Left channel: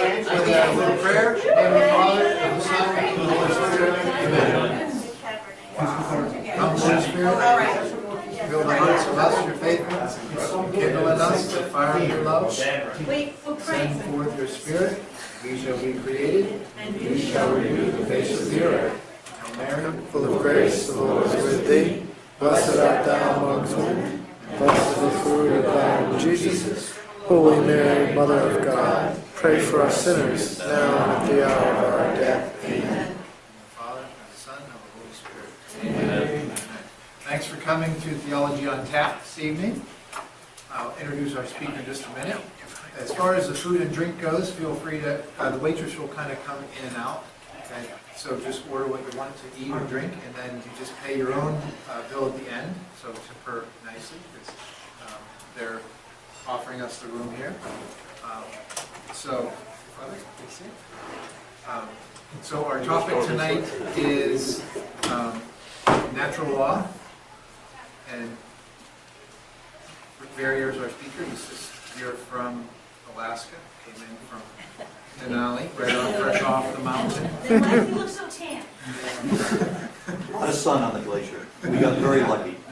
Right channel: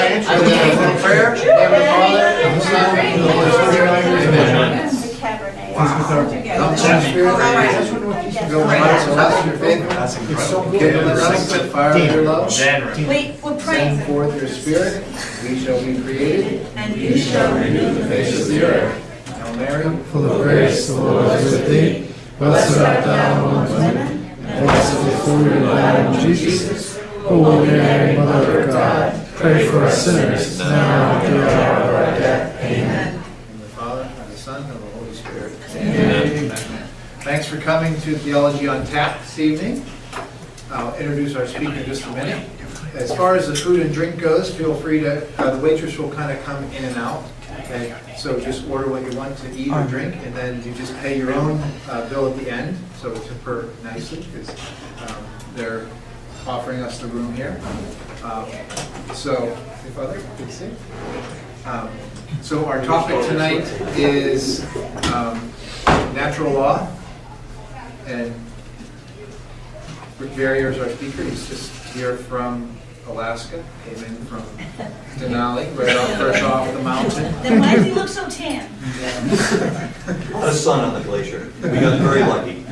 I will prayer. In the name of the Father, and the Son, and the Holy Spirit. Amen. Come to the Spirit, fill our hearts and us your faith. Kindle in us the fire of your love. We're Send forth your Spirit, we shall be created, and you shall renew the face of the earth. Hail Mary, full of grace, the Lord is with thee. Blessed art thou among women, and blessed is the fruit of thy womb, Jesus. O Holy Mary, Mother of God, pray for us sinners, now and in the hour of our death. Amen. In the Father, and the Son, and the Holy Spirit. Amen. Thanks for coming to Theology on Tap this evening. I'll introduce our speaker in just a minute. As far as the food and drink goes, feel free to, the waitress will kind of come in and out. Okay? So just order what you want to eat or drink, and then you just pay your own bill at the end. So tip her nicely, because they're offering us the room here. So our topic tonight is natural law, and Varieur is our speaker. He's just here from Alaska, came in from Denali, fresh off the mountain. Then why does he look so tan? A lot of sun on the glacier. We got very lucky.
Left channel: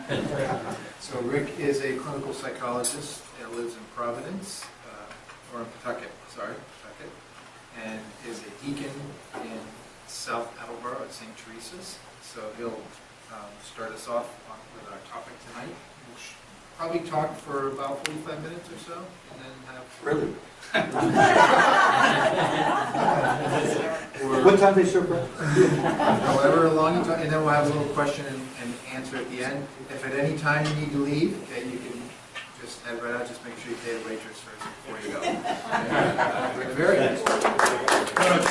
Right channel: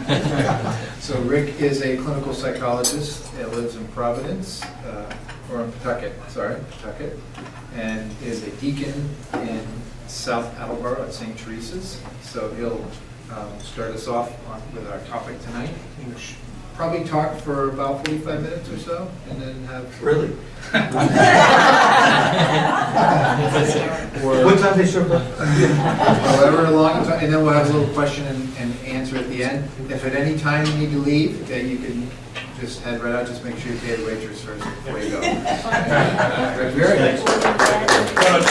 So Rick is a clinical psychologist that lives in Providence, or in Pawtucket, and is a deacon in South Attleboro at St. Teresa's. So he'll start us off with our topic tonight. We'll probably talk for about 45 minutes or so, and then have... Really? or What time they serve that? however long, and then we'll have a little question and answer at the end. If at any time you need to leave, okay, you can just head right out. Just make sure you pay the waitress first before you go. Very nice. Very bad. Don't do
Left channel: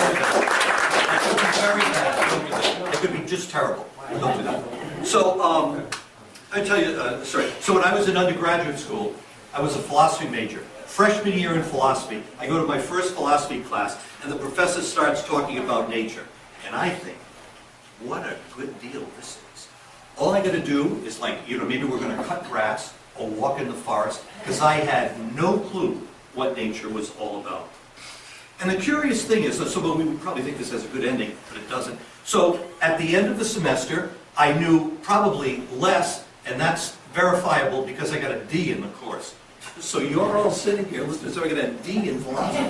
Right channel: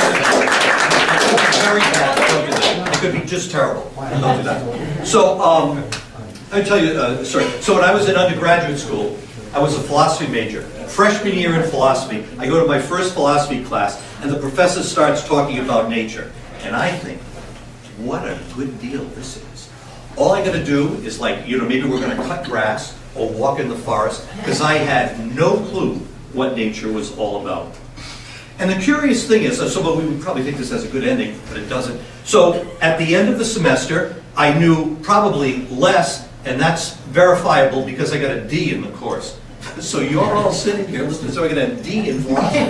that. It could be just terrible. Don't do that. So, I tell you a story. So when I was in undergraduate school, I was a philosophy major. Freshman year in philosophy, I go to my first philosophy class, and the professor starts talking about nature. And I think, what a good deal this is. All I got to do is maybe we're going to cut grass or walk in the forest, because I had no clue what nature was all about. And the curious thing is, we would probably think this has a good ending, but it doesn't. So at the end of the semester, I knew probably less, and that's verifiable because I got a D in the course. So you're all sitting here listening, so I got a D in philosophy.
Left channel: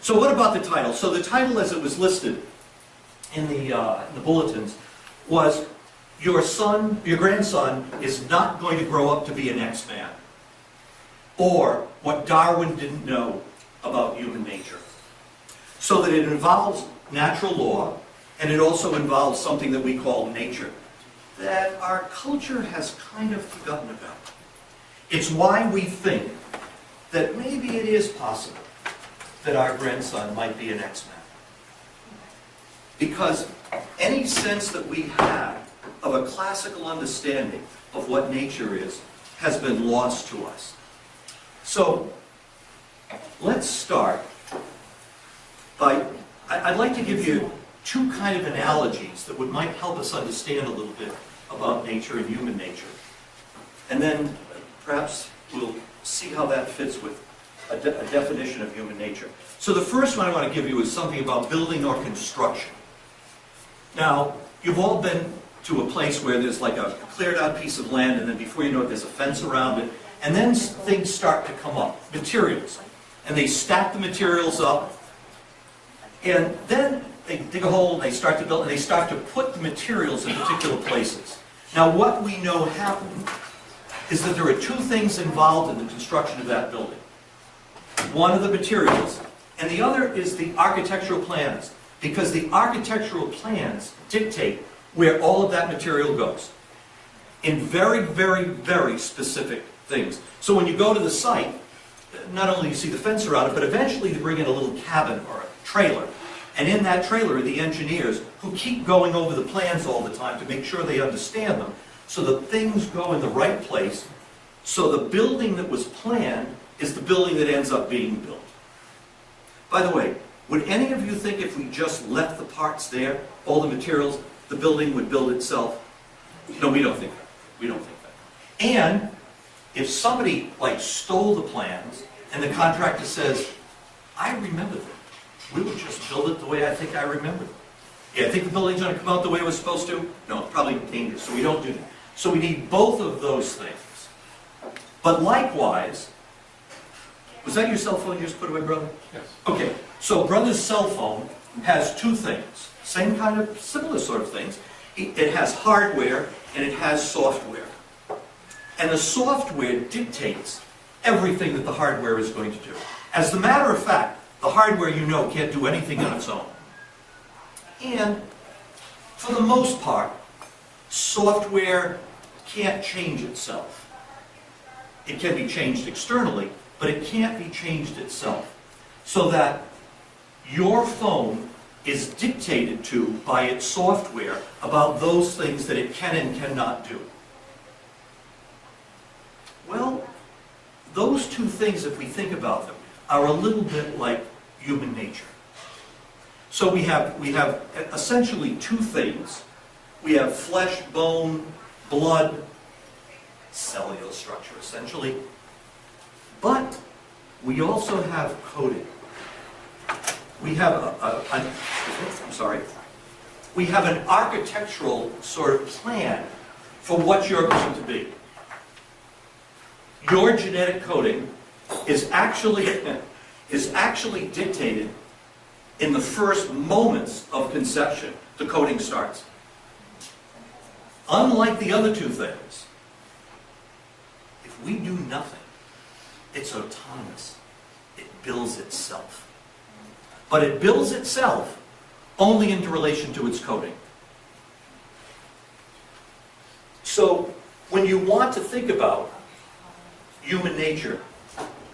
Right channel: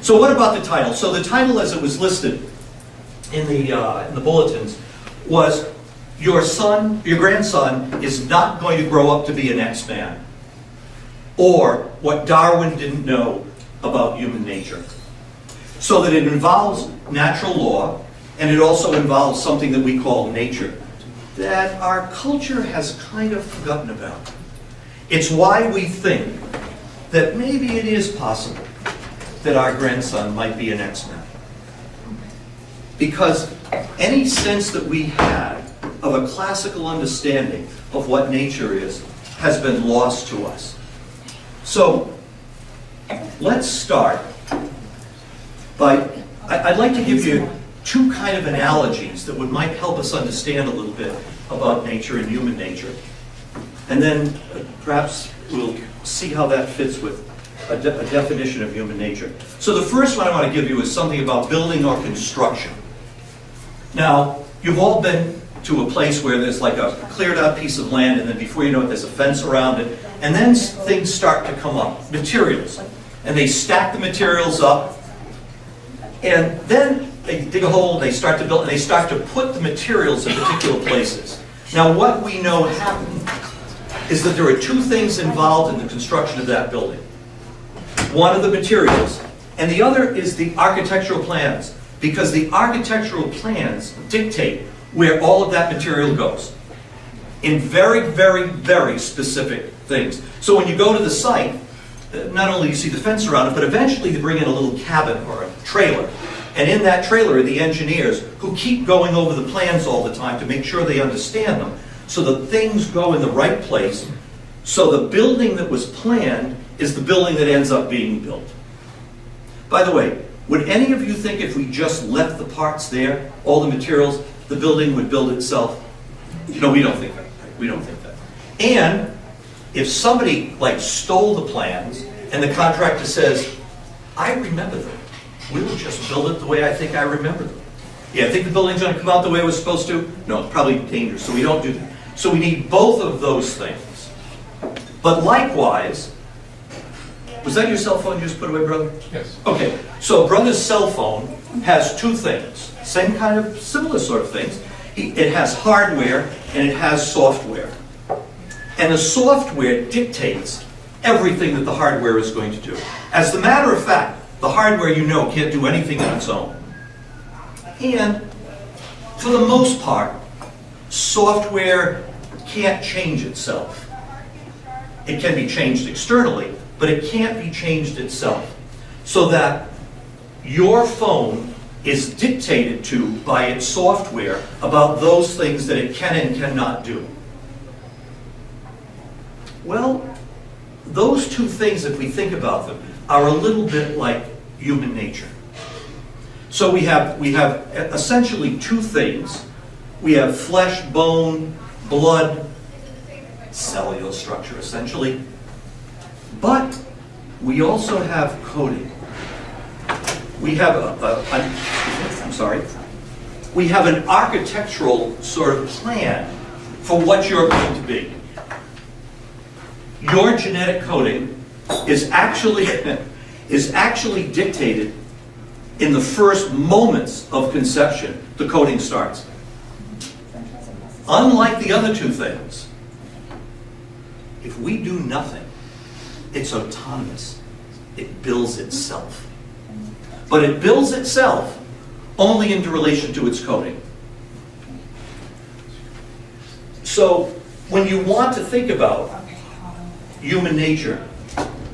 So what about the title? So the title, as it was listed in the bulletins, was your grandson is not going to grow up to be an X-Man, or what Darwin didn't know about human nature. So that it involves natural law, and it also involves something that we call nature, that our culture has kind of forgotten about. It's why we think that maybe it is possible that our grandson might be an X-Man. Because any sense that we had of a classical understanding of what nature is has been lost to us. So let's start by, I'd like to give you two kind of analogies that might help us understand a little bit about nature and human nature. And then perhaps we'll see how that fits with a definition of human nature. So the first one I want to give you is something about building or construction. Now, you've all been to a place where there's like a cleared out piece of land, and then before you know it, there's a fence around it, and then things start to come up, materials. And they stack the materials up, and then they dig a hole, and they start to build, and they start to put the materials in particular places. Now, what we know happened is that there are two things involved in the construction of that building. One are the materials, and the other is the architectural plans, because the architectural plans dictate where all of that material goes in very, very, very specific things. So when you go to the site, not only do you see the fence around it, but eventually they bring in a little cabin or a trailer. And in that trailer are the engineers who keep going over the plans all the time to make sure they understand them, so that things go in the right place, so the building that was planned is the building that ends up being built. By the way, would any of you think if we just left the parts there, all the materials, the building would build itself? No, we don't think that. We don't think that. And if somebody stole the plans And the contractor says, I remember them. We will just build it the way I think I remember them. Yeah, I think the building's going to come out the way it was supposed to. No, it's probably dangerous, so we don't do that. So we need both of those things. But likewise, was that your cell phone you just put away, brother? Yes. Okay, so brother's cell phone has two things, same kind of similar sort of things. It has hardware and it has software. And the software dictates everything that the hardware is going to do. As a matter of fact, the hardware, you know, can't do anything on its own. And for the most part, software can't change itself. It can be changed externally, but it can't be changed itself. So that your phone is dictated to by its software about those things that it can and cannot do. Well, those two things, if we think about them, are a little bit like human nature. So we have essentially two things. We have flesh, bone, blood, cellular structure essentially. But we also have coding. We have we have an architectural sort of plan for what you're going to be. Your genetic coding is actually dictated in the first moments of conception. The coding starts. Unlike the other two things, if we do nothing, it's autonomous. It builds itself. But it builds itself only in relation to its coding. So when you want to think about human nature,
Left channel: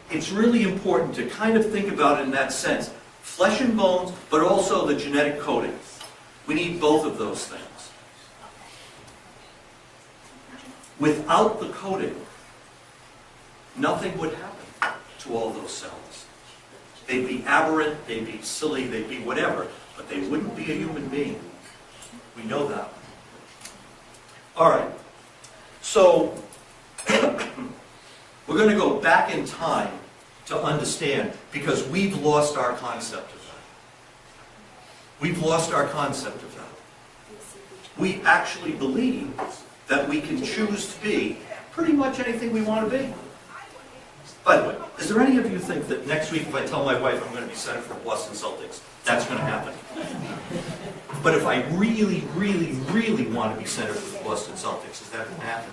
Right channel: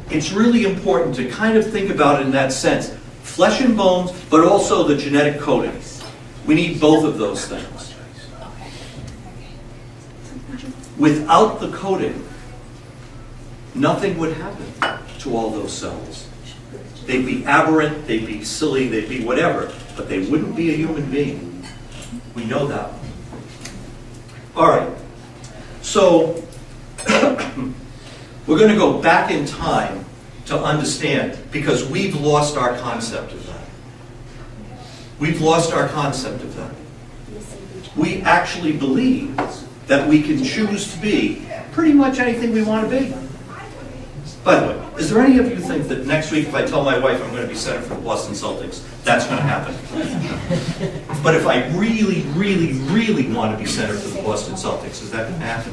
it's really important to kind of think about it in that sense. Flesh and bones, but also the genetic coding. We need both of those things. Without the coding, nothing would happen to all those cells. They'd be aberrant, they'd be silly, they'd be whatever, but they wouldn't be a human being. We know that. All right. So, we're going to go back in time to understand, because we've lost our concept of that. We've lost our concept of that. We actually believe that we can choose to be pretty much anything we want to be. By the way, is there any of you think that next week if I tell my wife I'm going to be center for the Boston Celtics, that's going to happen? But if I really, really, really want to be center for the Boston Celtics, is that going to happen?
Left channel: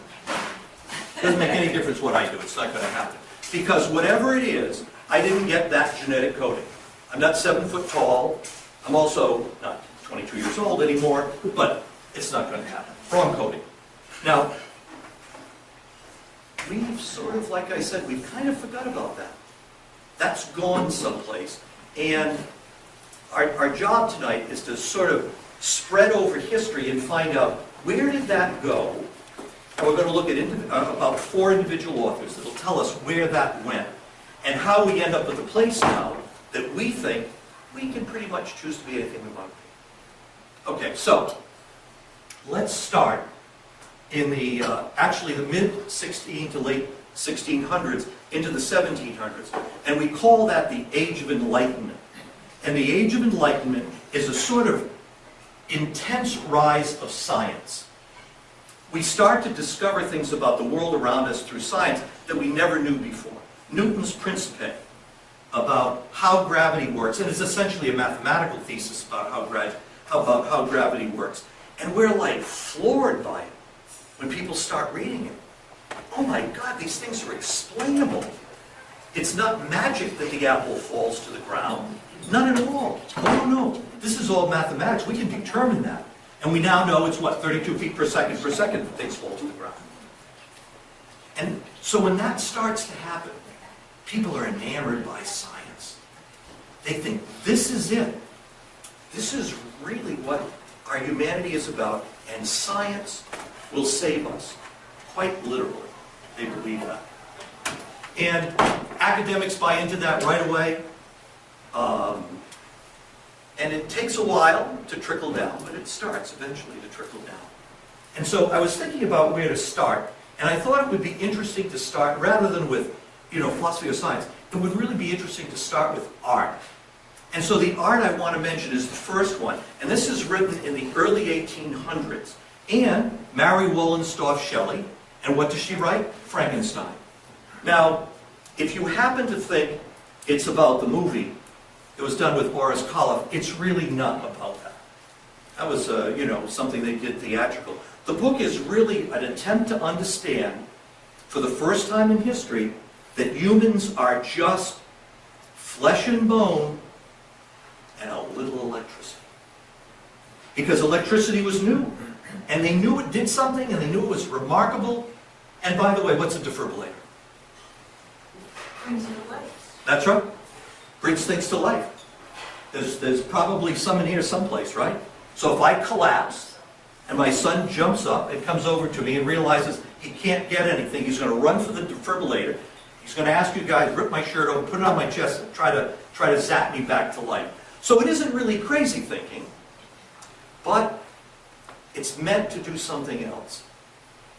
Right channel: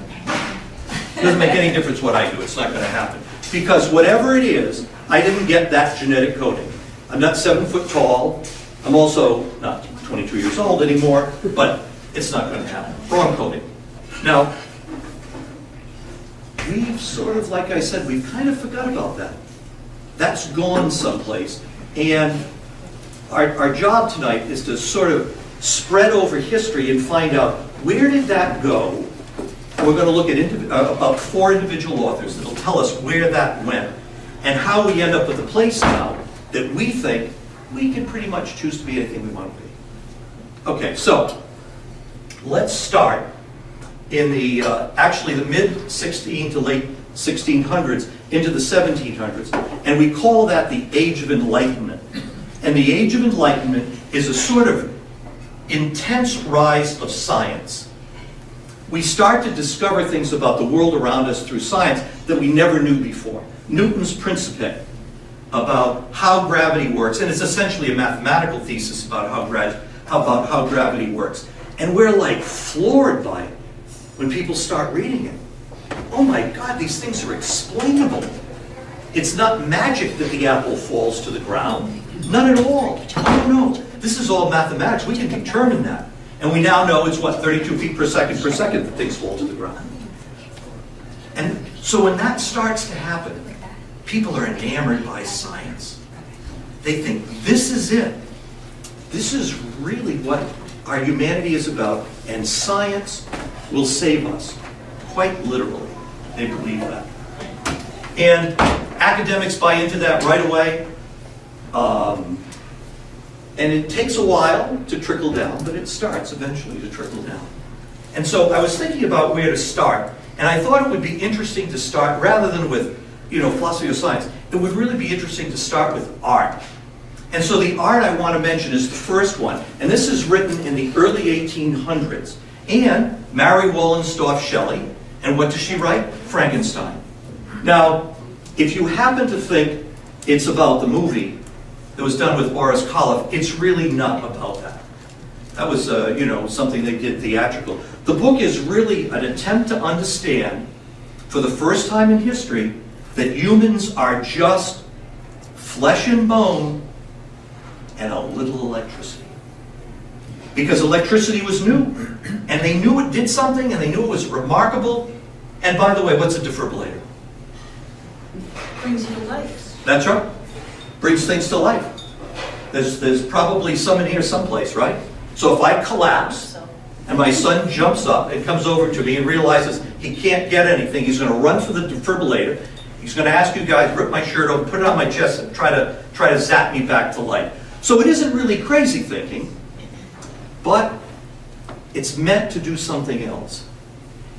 It doesn't make any difference what I do. It's not going to happen. Because whatever it is, I didn't get that genetic coding. I'm not 7 foot tall. I'm also not 22 years old anymore, but it's not going to happen. Wrong coding. Now, we've sort of, like I said, we've kind of forgot about that. That's gone someplace. And our job tonight is to sort of spread over history and find out where did that go. And we're going to look at about 4 individual authors that will tell us where that went and how we end up with a place now that we think we can pretty much choose to be anything we want to be. Okay, so let's start in the actually the mid-16 to late 1600s into the 1700s, and we call that the Age of Enlightenment. And the Age of Enlightenment is a sort of intense rise of science. We start to discover things about the world around us through science that we never knew before. Newton's Principe, about how gravity works, and it's essentially a mathematical thesis about how gravity works. And we're like floored by it when people start reading it. Oh my God, these things are explainable. It's not magic that the apple falls to the ground. None at all. Oh no, this is all mathematics. We can determine that. And we now know it's what, 32 feet per second that things fall to the ground. And so when that starts to happen, people are enamored by science. They think, this is it. This is really what our humanity is about, and science will save us. Quite literally, they believe that. And academics buy into that right away. And it takes a while to trickle down, but it starts eventually to trickle down. And so I was thinking about where to start, and I thought it would be interesting to start, rather than with, philosophy of science, it would really be interesting to start with art. And so the art I want to mention is the first one. And this is written in the early 1800s. And Mary Wollstonecraft Shelley. And what does she write? Frankenstein. Now, if you happen to think it's about the movie that was done with Boris Karloff, it's really not about that. That was, something they did theatrical. The book is really an attempt to understand, for the first time in history, that humans are just flesh and bone and a little electricity. Because electricity was new, and they knew it did something, and they knew it was remarkable. And by the way, what's a defibrillator? Brings you to life. That's right. Brings things to life. There's probably some in here someplace, right? So if I collapse, and my son jumps up and comes over to me and realizes he can't get anything, he's going to run for the defibrillator. He's going to ask you guys, rip my shirt open, put it on my chest, and try to zap me back to life. So it isn't really crazy thinking, but it's meant to do something else.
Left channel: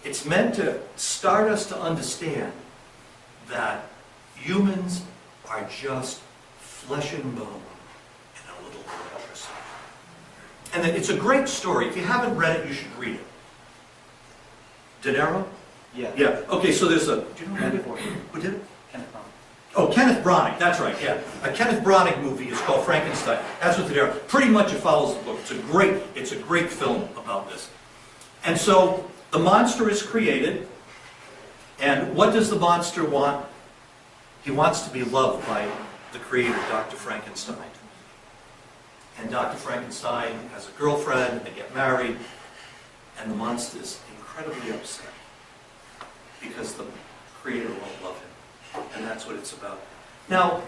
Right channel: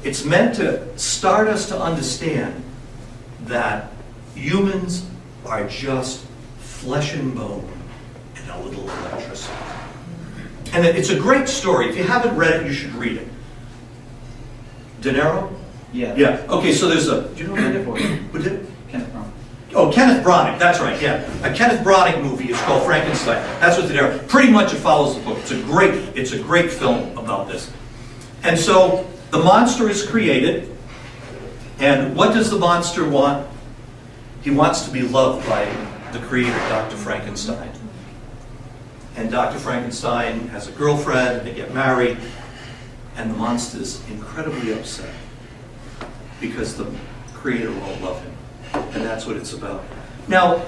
It's meant to start us to understand that humans are just flesh and bone and a little electricity. And it's a great story. If you haven't read it, you should read it. De Niro? Yeah. Yeah. Okay, so there's a... Do you know who did it? Kenneth Branagh. Oh, Kenneth Branagh. That's right, yeah. A Kenneth Branagh movie is called Frankenstein. That's what De Niro... Pretty much it follows the book. It's a great film about this. And so the monster is created. And what does the monster want? He wants to be loved by the creator, Dr. Frankenstein. And Dr. Frankenstein has a girlfriend, and they get married, and the monster is incredibly upset because the creator won't love him. And that's what it's about. Now,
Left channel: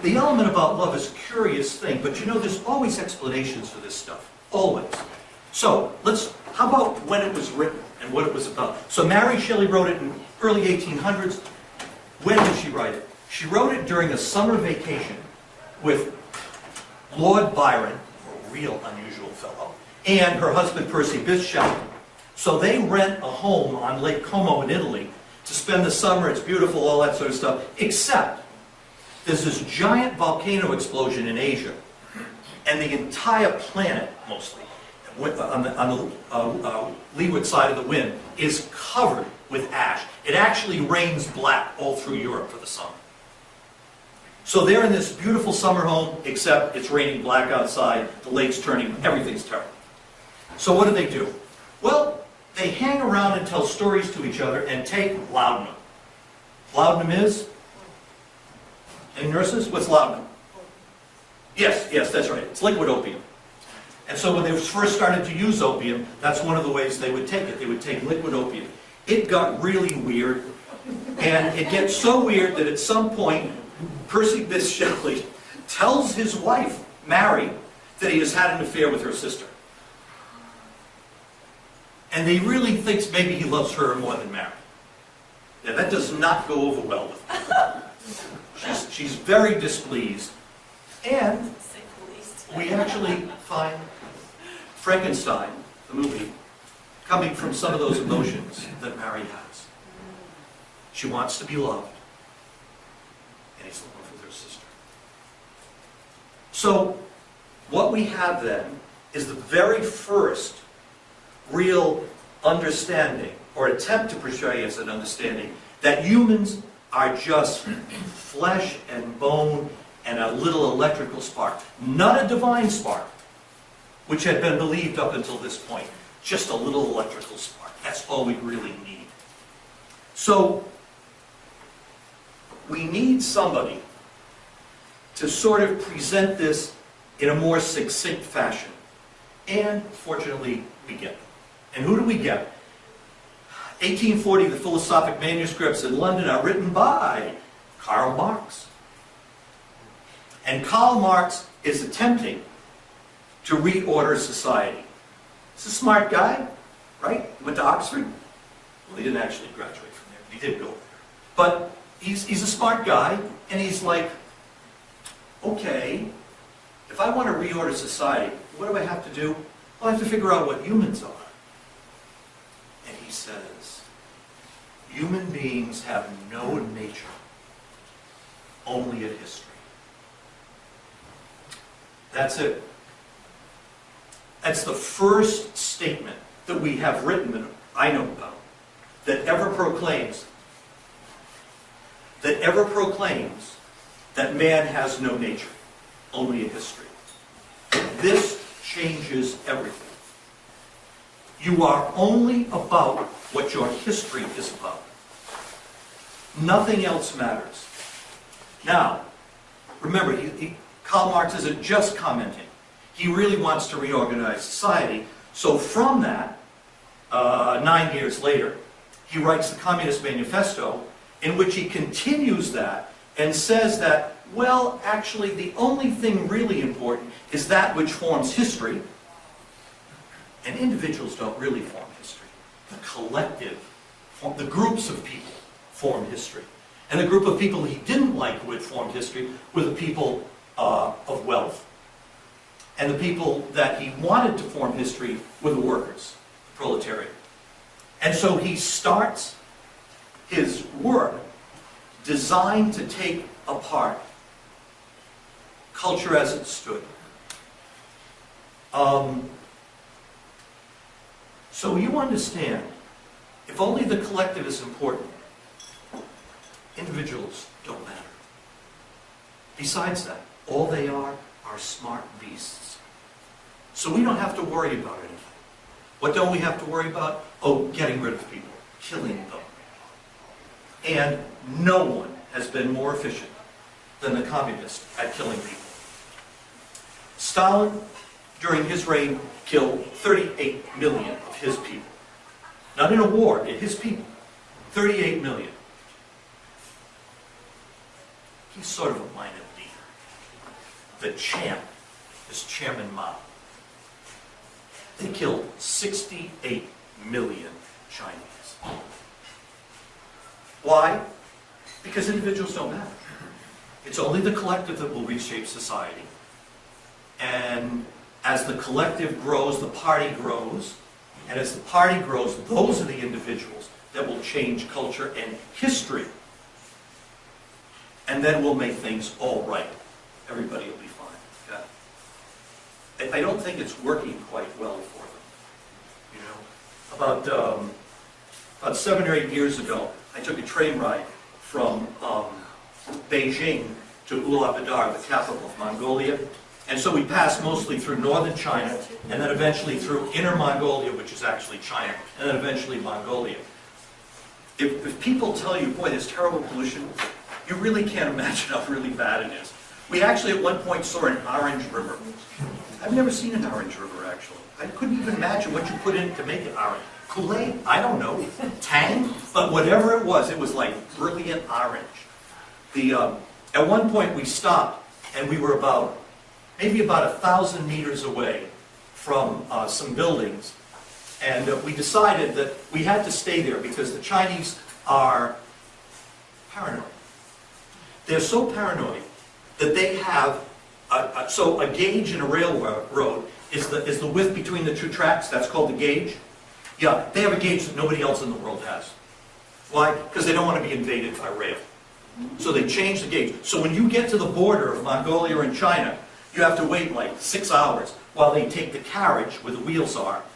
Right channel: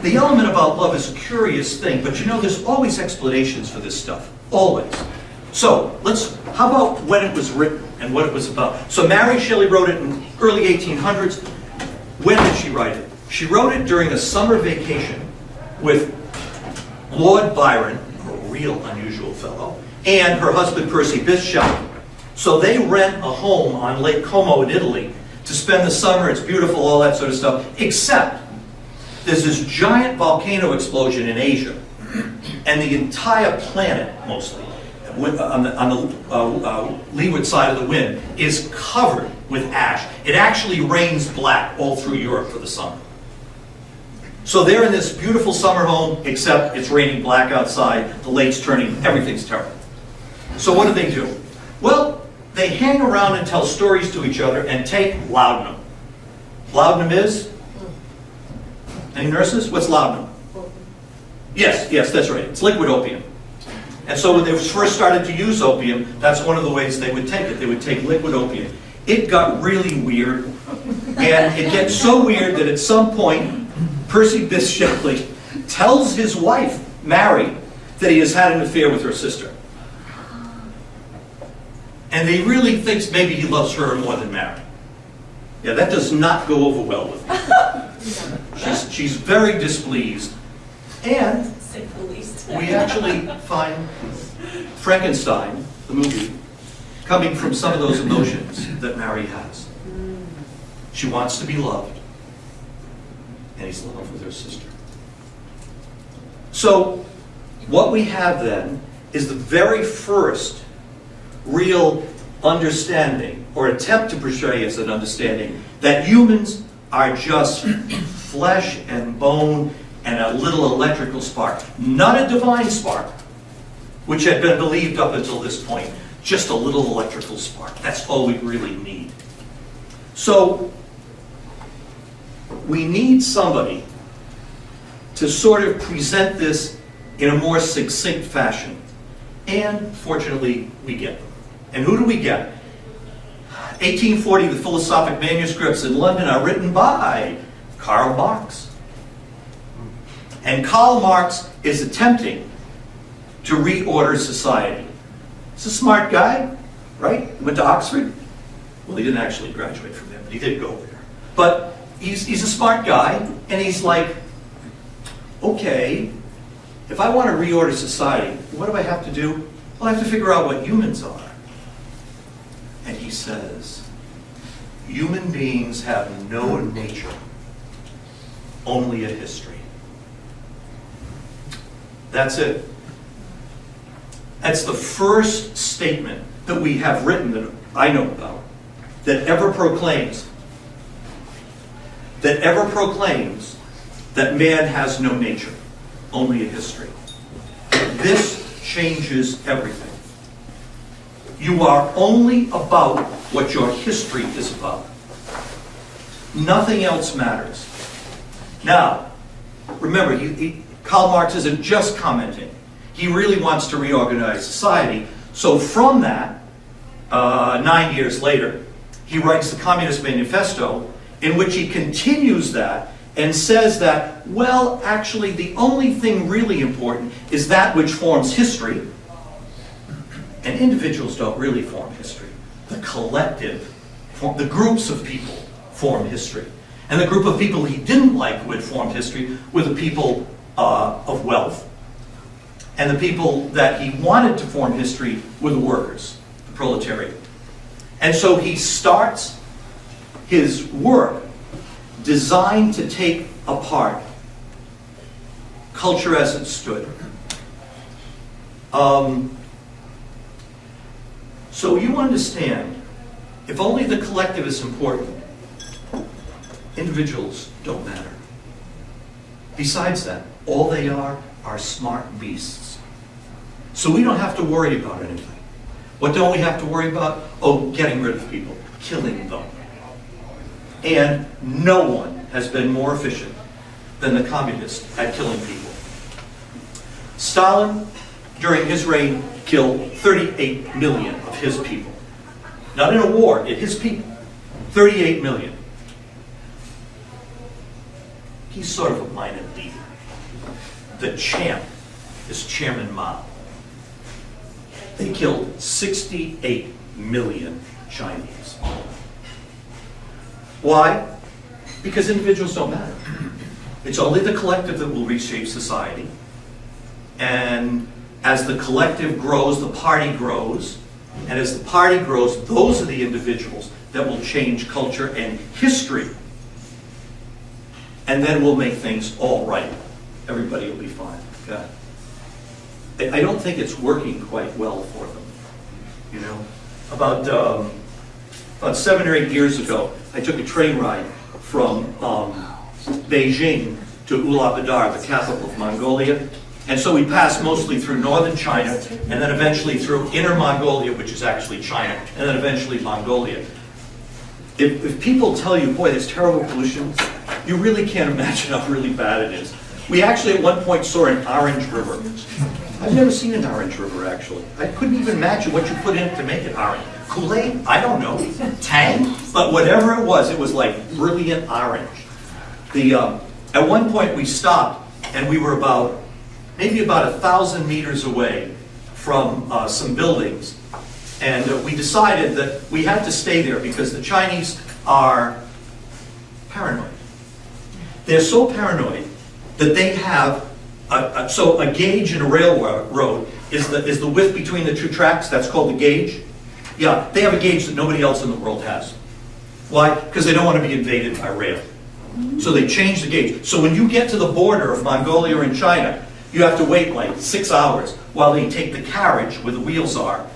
the element about love is a curious thing, but there's always explanations for this stuff. Always. So, how about when it was written and what it was about? So Mary Shelley wrote it in early 1800s. When did she write it? She wrote it during a summer vacation with Lord Byron, a real unusual fellow, and her husband Percy Bysshe Shelley. So they rent a home on Lake Como in Italy to spend the summer. It's beautiful, all that sort of stuff, except there's this giant volcano explosion in Asia, and the entire planet, mostly, on the leeward side of the wind, is covered with ash. It actually rains black all through Europe for the summer. So they're in this beautiful summer home, except it's raining black outside, the lake's turning, everything's terrible. So what do? Well, they hang around and tell stories to each other and take laudanum. Laudanum is? Any nurses? What's laudanum? Yes, that's right. It's liquid opium. And so when they first started to use opium, that's one of the ways they would take it. They would take liquid opium. It got really weird, and it gets so weird that at some point, Percy Bysshe Shelley tells his wife, Mary, that he has had an affair with her sister. And he really thinks maybe he loves her more than Mary. Yeah, that does not go over well with me. She's very displeased. And we actually find Frankenstein, the movie, coming from some of those emotions that Mary has. She wants to be loved, and he's in love with her sister. So, what we have then is the very first real understanding, or attempt to portray as an understanding, that humans are just flesh and bone and a little electrical spark. Not a divine spark, which had been believed up until this point. Just a little electrical spark. That's all we really need. So, we need somebody to sort of present this in a more succinct fashion. And, fortunately, we get them. And who do we get? 1840, the philosophic manuscripts in London are written by Karl Marx. And Karl Marx is attempting to reorder society. He's a smart guy, right? He went to Oxford. Well, he didn't actually graduate from there, but he did go there. But he's a smart guy, and he's like, okay, if I want to reorder society, what do I have to do? Well, I have to figure out what humans are. And he says, human beings have no nature. only a history. That's it. That's the first statement that we have written that I know about that ever proclaims that man has no nature, only a history. This changes everything. You are only about what your history is about. Nothing else matters. Now, remember, Karl Marx isn't just commenting. He really wants to reorganize society. So from that, 9 years later, he writes the Communist Manifesto, in which he continues that and says that, well, actually, the only thing really important is that which forms history. And individuals don't really form history. The collective, the groups of people form history. And the group of people he didn't like who had formed history were the people of wealth. And the people that he wanted to form history were the workers, the proletariat. And so he starts his work designed to take apart culture as it stood. So you understand, if only the collective is important, individuals don't matter. Besides that, all they are smart beasts. So we don't have to worry about anything. What don't we have to worry about? Oh, getting rid of people, killing them. And no one has been more efficient than the communists at killing people. Stalin, during his reign, killed 38 million of his people. Not in a war, his people. 38 million. He's sort of a minor leader. The champ is Chairman Mao. They killed 68 million Chinese. Why? Because individuals don't matter. It's only the collective that will reshape society. And as the collective grows, the party grows. And as the party grows, those are the individuals that will change culture and history. And then we'll make things all right. Everybody will be fine. Okay? I don't think it's working quite well for them. You know, about 7 or 8 years ago, I took a train ride from Beijing to Ulaanbaatar, the capital of Mongolia. And so we passed mostly through northern China, and then eventually through Inner Mongolia, which is actually China, and then eventually Mongolia. If people tell you, boy, there's terrible pollution, you really can't imagine how really bad it is. We actually at one point saw an orange river. I've never seen an orange river, actually. I couldn't even imagine what you put in it to make it orange. Kool-Aid? I don't know. Tang? But whatever it was like brilliant orange. At one point we stopped, and we were maybe about 1,000 meters away from some buildings. And we decided that we had to stay there because the Chinese are paranoid. They're so paranoid that they have a gauge in a railroad is the width between the two tracks. That's called the gauge. Yeah, they have a gauge that nobody else in the world has. Why? Because they don't want to be invaded by rail. So they change the gauge. So when you get to the border of Mongolia and China, you have to wait like 6 hours while they take the carriage where the wheels are,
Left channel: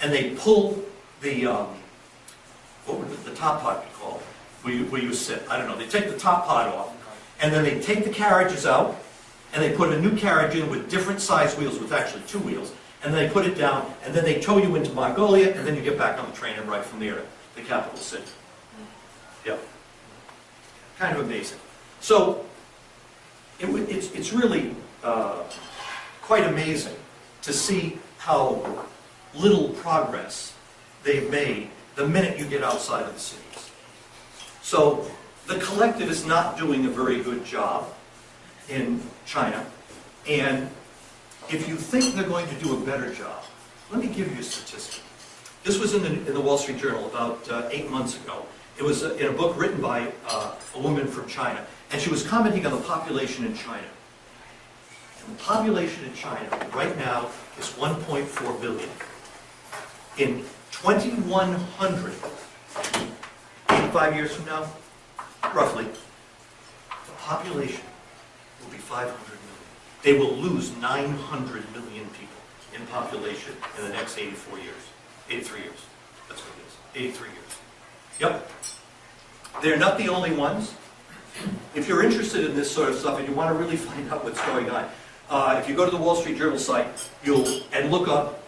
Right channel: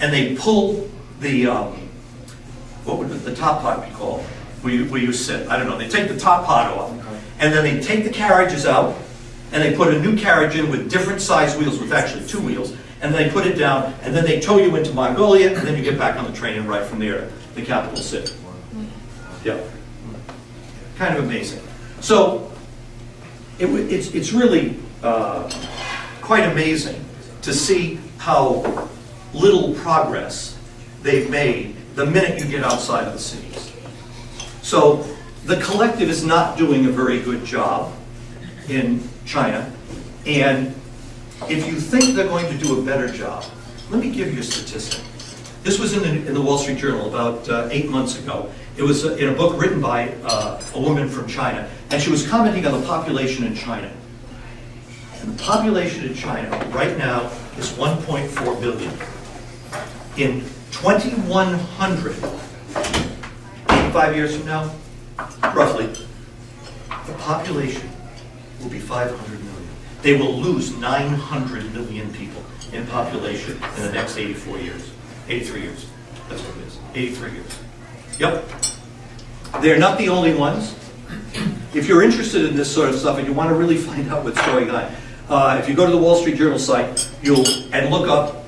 and they pull the what would the top part be called? Where you sit? I don't know. They take the top part off, and then they take the carriages out, and they put a new carriage in with different size wheels, with actually 2 wheels, and then they put it down, and then they tow you into Mongolia, and then you get back on the train and right from there, the capital city. Yeah. Kind of amazing. So it's really quite amazing to see how little progress they've made the minute you get outside of the cities. So the collective is not doing a very good job in China, and if you think they're going to do a better job, let me give you a statistic. This was in the Wall Street Journal about 8 months ago. It was in a book written by a woman from China, and she was commenting on the population in China. And the population in China right now is 1.4 billion. In 2100, 5 years from now, roughly, the population will be 500 million. They will lose 900 million people in population in the next 84 years. 83 years. That's what it is. 83 years. Yep. They're not the only ones. If you're interested in this sort of stuff and you want to really find out what's going on, if you go to the Wall Street Journal site, and look up,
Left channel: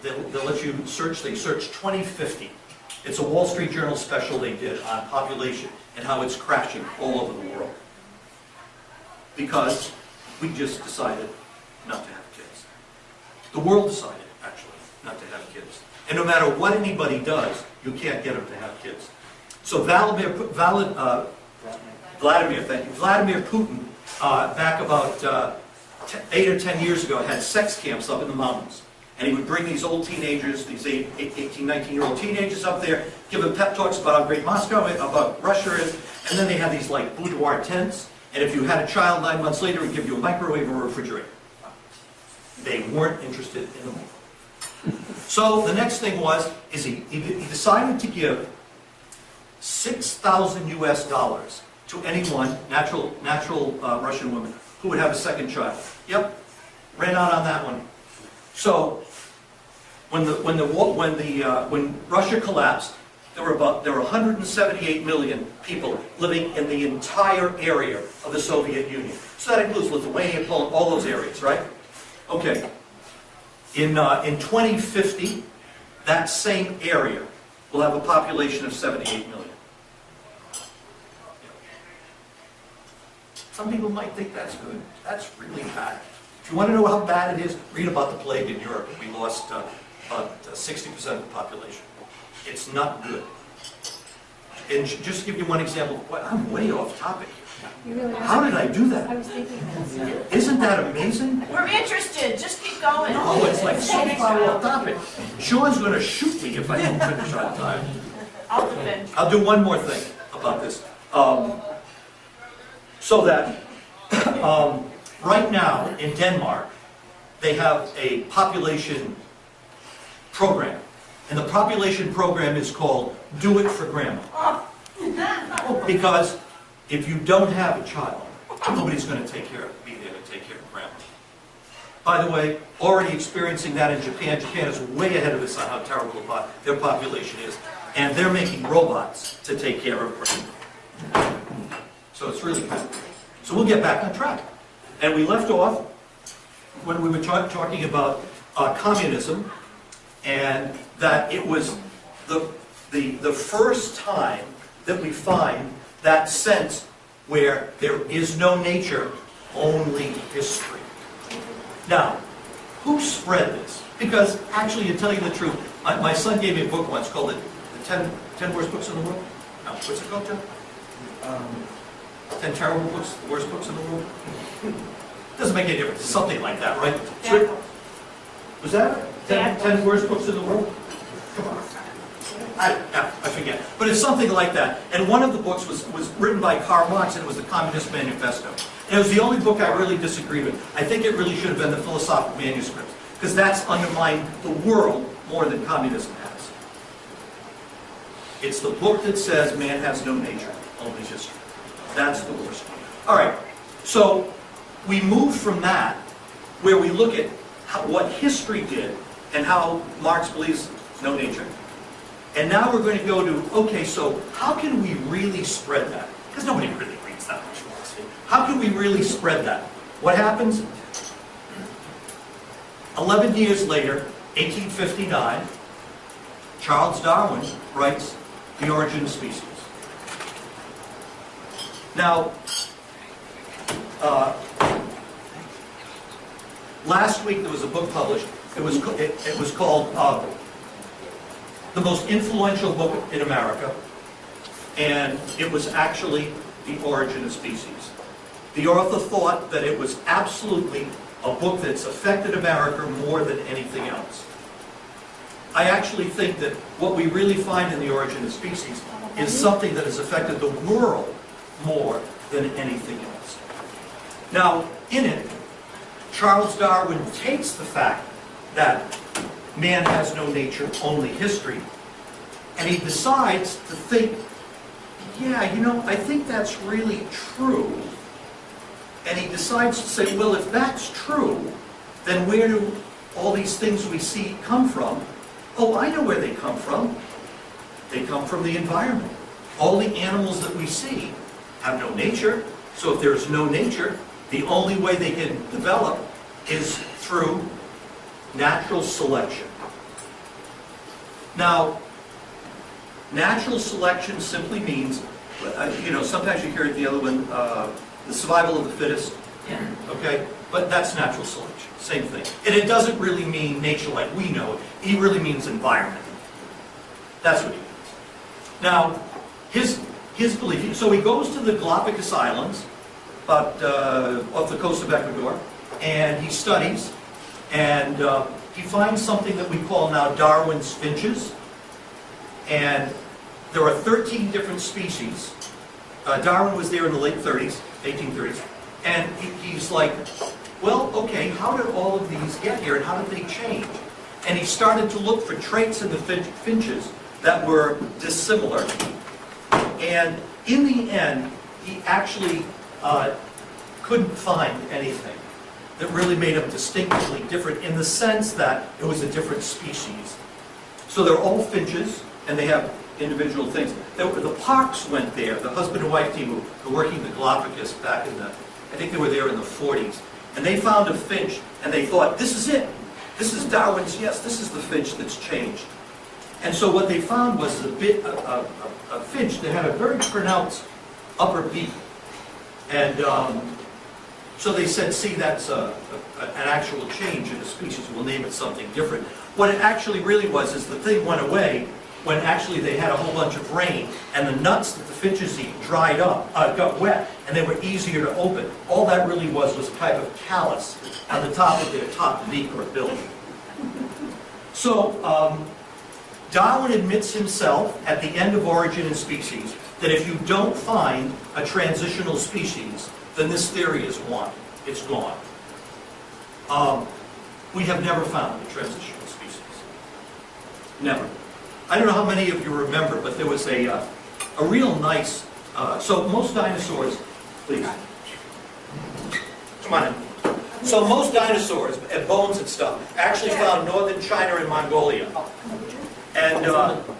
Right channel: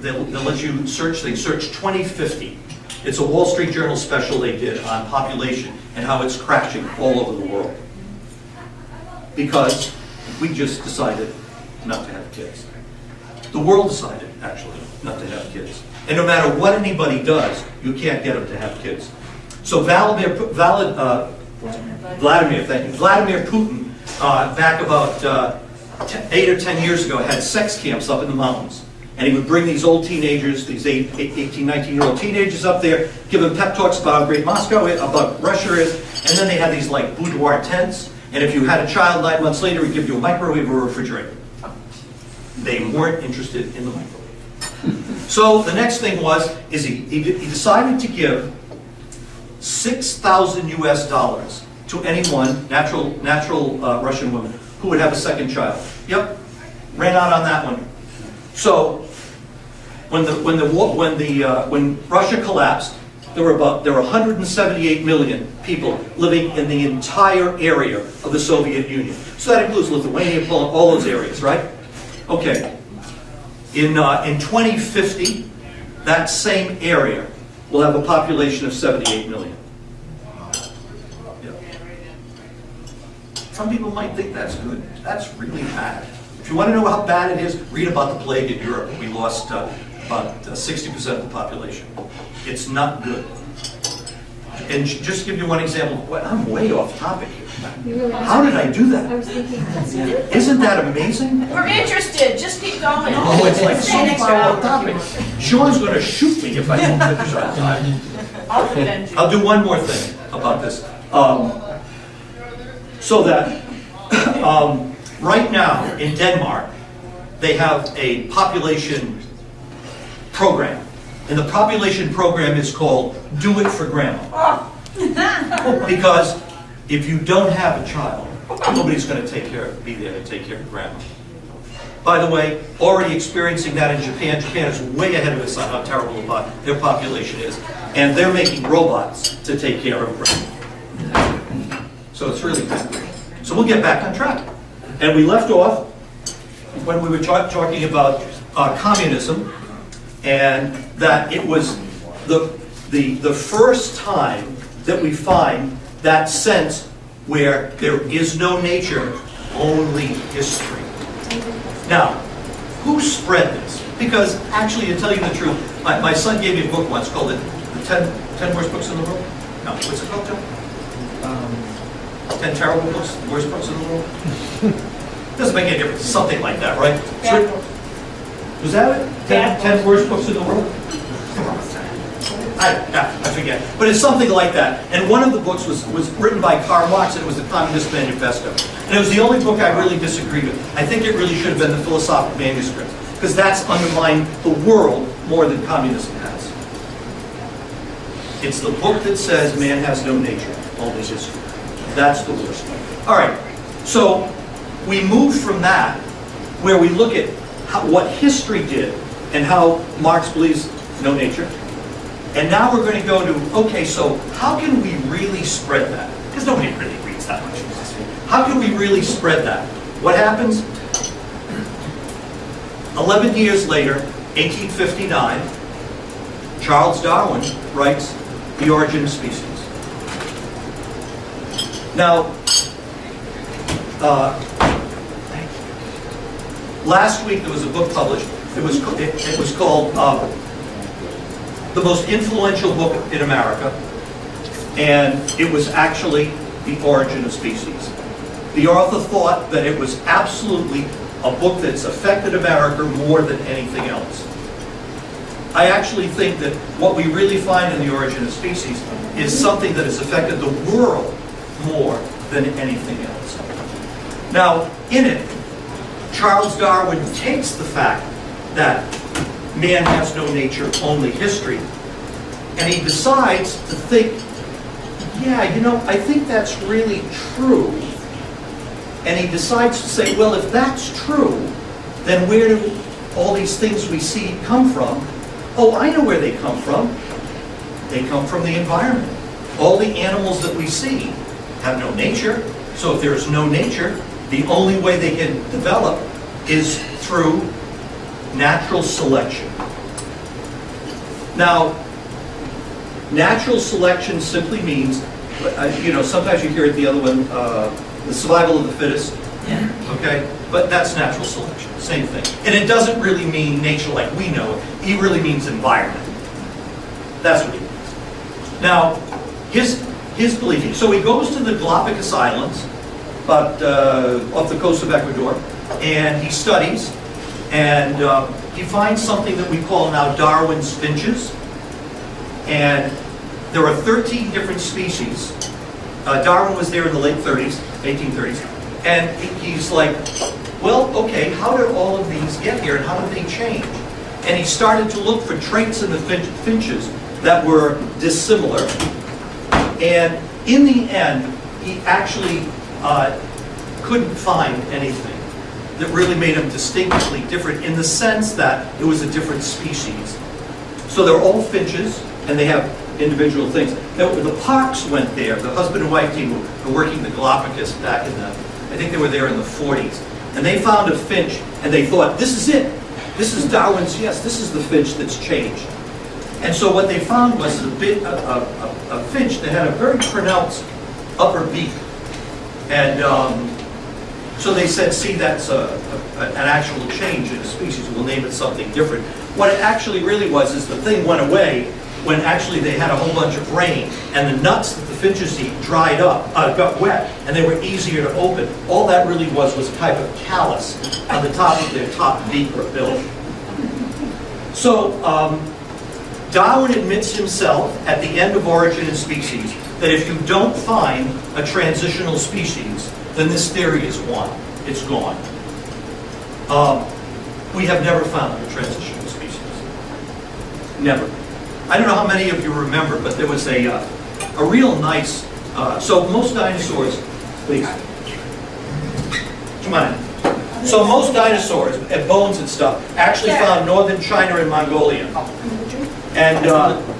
they'll let you search things. Search 2050. It's a Wall Street Journal special they did on population and how it's crashing all over the world. Because we just decided not to have kids. The world decided, actually, not to have kids. And no matter what anybody does, you can't get them to have kids. So Vladimir Putin, back about 8 or 10 years ago, had sex camps up in the mountains. And he would bring these old teenagers, these 18, 19-year-old teenagers up there, give them pep talks about how great Moscow is, about Russia is, and then they had these like boudoir tents, and if you had a child 9 months later, he'd give you a microwave or a refrigerator. They weren't interested in the microwave. So the next thing is he decided to give $6,000 US to anyone, natural Russian woman, who would have a second child. Yep, ran out on that one. So when Russia collapsed, there were 178 million people living in the entire area of the Soviet Union. So that includes Lithuania, Poland, all those areas, right? Okay. In 2050, that same area will have a population of 78 million. Yep. Some people might think that's good. That's really bad. If you want to know how bad it is, read about the plague in Europe. We lost about 60% of the population. It's not good. And just to give you one example, I'm way off topic here. How did I do that? Isn't that amazing? We're interested. Just keep going. Oh, it's like so Stay far off topic. Sean's going to shoot me if I don't finish on time. I'll defend you. I'll do one more thing about this. So that right now in Denmark, they have a population program. And the population program is called Do It for Grandma. Because if you don't have a child, nobody's going to be there to take care of grandma. By the way, already experiencing that in Japan. Japan is way ahead of us on how terrible their population is. And they're making robots to take care of grandma. So it's really good. So we'll get back on track. And we left off when we were talking about communism, and that it was the first time that we find that sense where there is no nature, only history. Now, who spread this? Because actually, to tell you the truth, my son gave me a book once called the 10 Worst Books in the World. No, what's it called, Joe? 10 Terrible Books, Worst Books in the World? Doesn't make any difference. Something like that, right? So, was that it? 10 Worst Books in the World? Come on. I forget. But it's something like that. And one of the books was written by Karl Marx, and it was the Communist Manifesto. And it was the only book I really disagreed with. I think it really should have been the Philosophical Manuscripts, because that's undermined the world more than communism has. It's the book that says man has no nature, only history. That's the worst one. All right. So we move from that, where we look at what history did and how Marx believes no nature. And now we're going to go to, okay, so how can we really spread that? Because nobody really reads that much. How can we really spread that? What happens? 11 years later, 1859, Charles Darwin writes The Origin of Species. Now, last week there was a book published. It was called The Most Influential Book in America, and it was actually The Origin of Species. The author thought that it was absolutely a book that's affected America more than anything else. I actually think that what we really find in The Origin of Species is something that has affected the world more than anything else. Now, in it, Charles Darwin takes the fact that man has no nature, only history, and he decides to think yeah, you know, I think that's really true. And he decides to say, well, if that's true, then where do all these things we see come from? Oh, I know where they come from. They come from the environment. All the animals that we see have no nature. So if there's no nature, the only way they can develop is through natural selection. Now, natural selection simply means, you know, sometimes you hear it the other one, the survival of the fittest. Yeah. Okay? But that's natural selection, same thing. And it doesn't really mean nature like we know it. It really means environment. That's what he means. Now, his belief, so he goes to the Galapagos Islands, but off the coast of Ecuador, and he studies, and he finds something that we call now Darwin's finches. And there are 13 different species. Darwin was there in the late 30s, 1830s, and he's like, well, okay, how did all of these get here and how did they change? And he started to look for traits in the finches that were dissimilar. And in the end, he actually couldn't find anything that really made them distinctly different in the sense that it was a different species. So they're all finches, and they have individual things. The Parks went there, the husband and wife team who were working the Galapagos back in the, I think they were there in the 40s. And they found a finch, and they thought, this is it. This is Darwin's, yes, this is the finch that's changed. And so what they found was a finch that had a very pronounced upper beak. And so they said, see, that's an actual change in a species. We'll name it something different. What it actually really was is the thing went away when actually they had a whole bunch of rain, and the nuts that the finches eat dried up, got wet, and they were easier to open. All that really was a type of callus on the top of their top beak or bill. So Darwin admits himself at the end of Origin and Species that if you don't find a transitional species, then this theory is won. It's gone. We have never found a transitional species. Never. I don't know how many of you remember, but there was a real nice, so most dinosaurs, please, come on in. So most dinosaurs, and bones and stuff, actually found northern China and Mongolia. And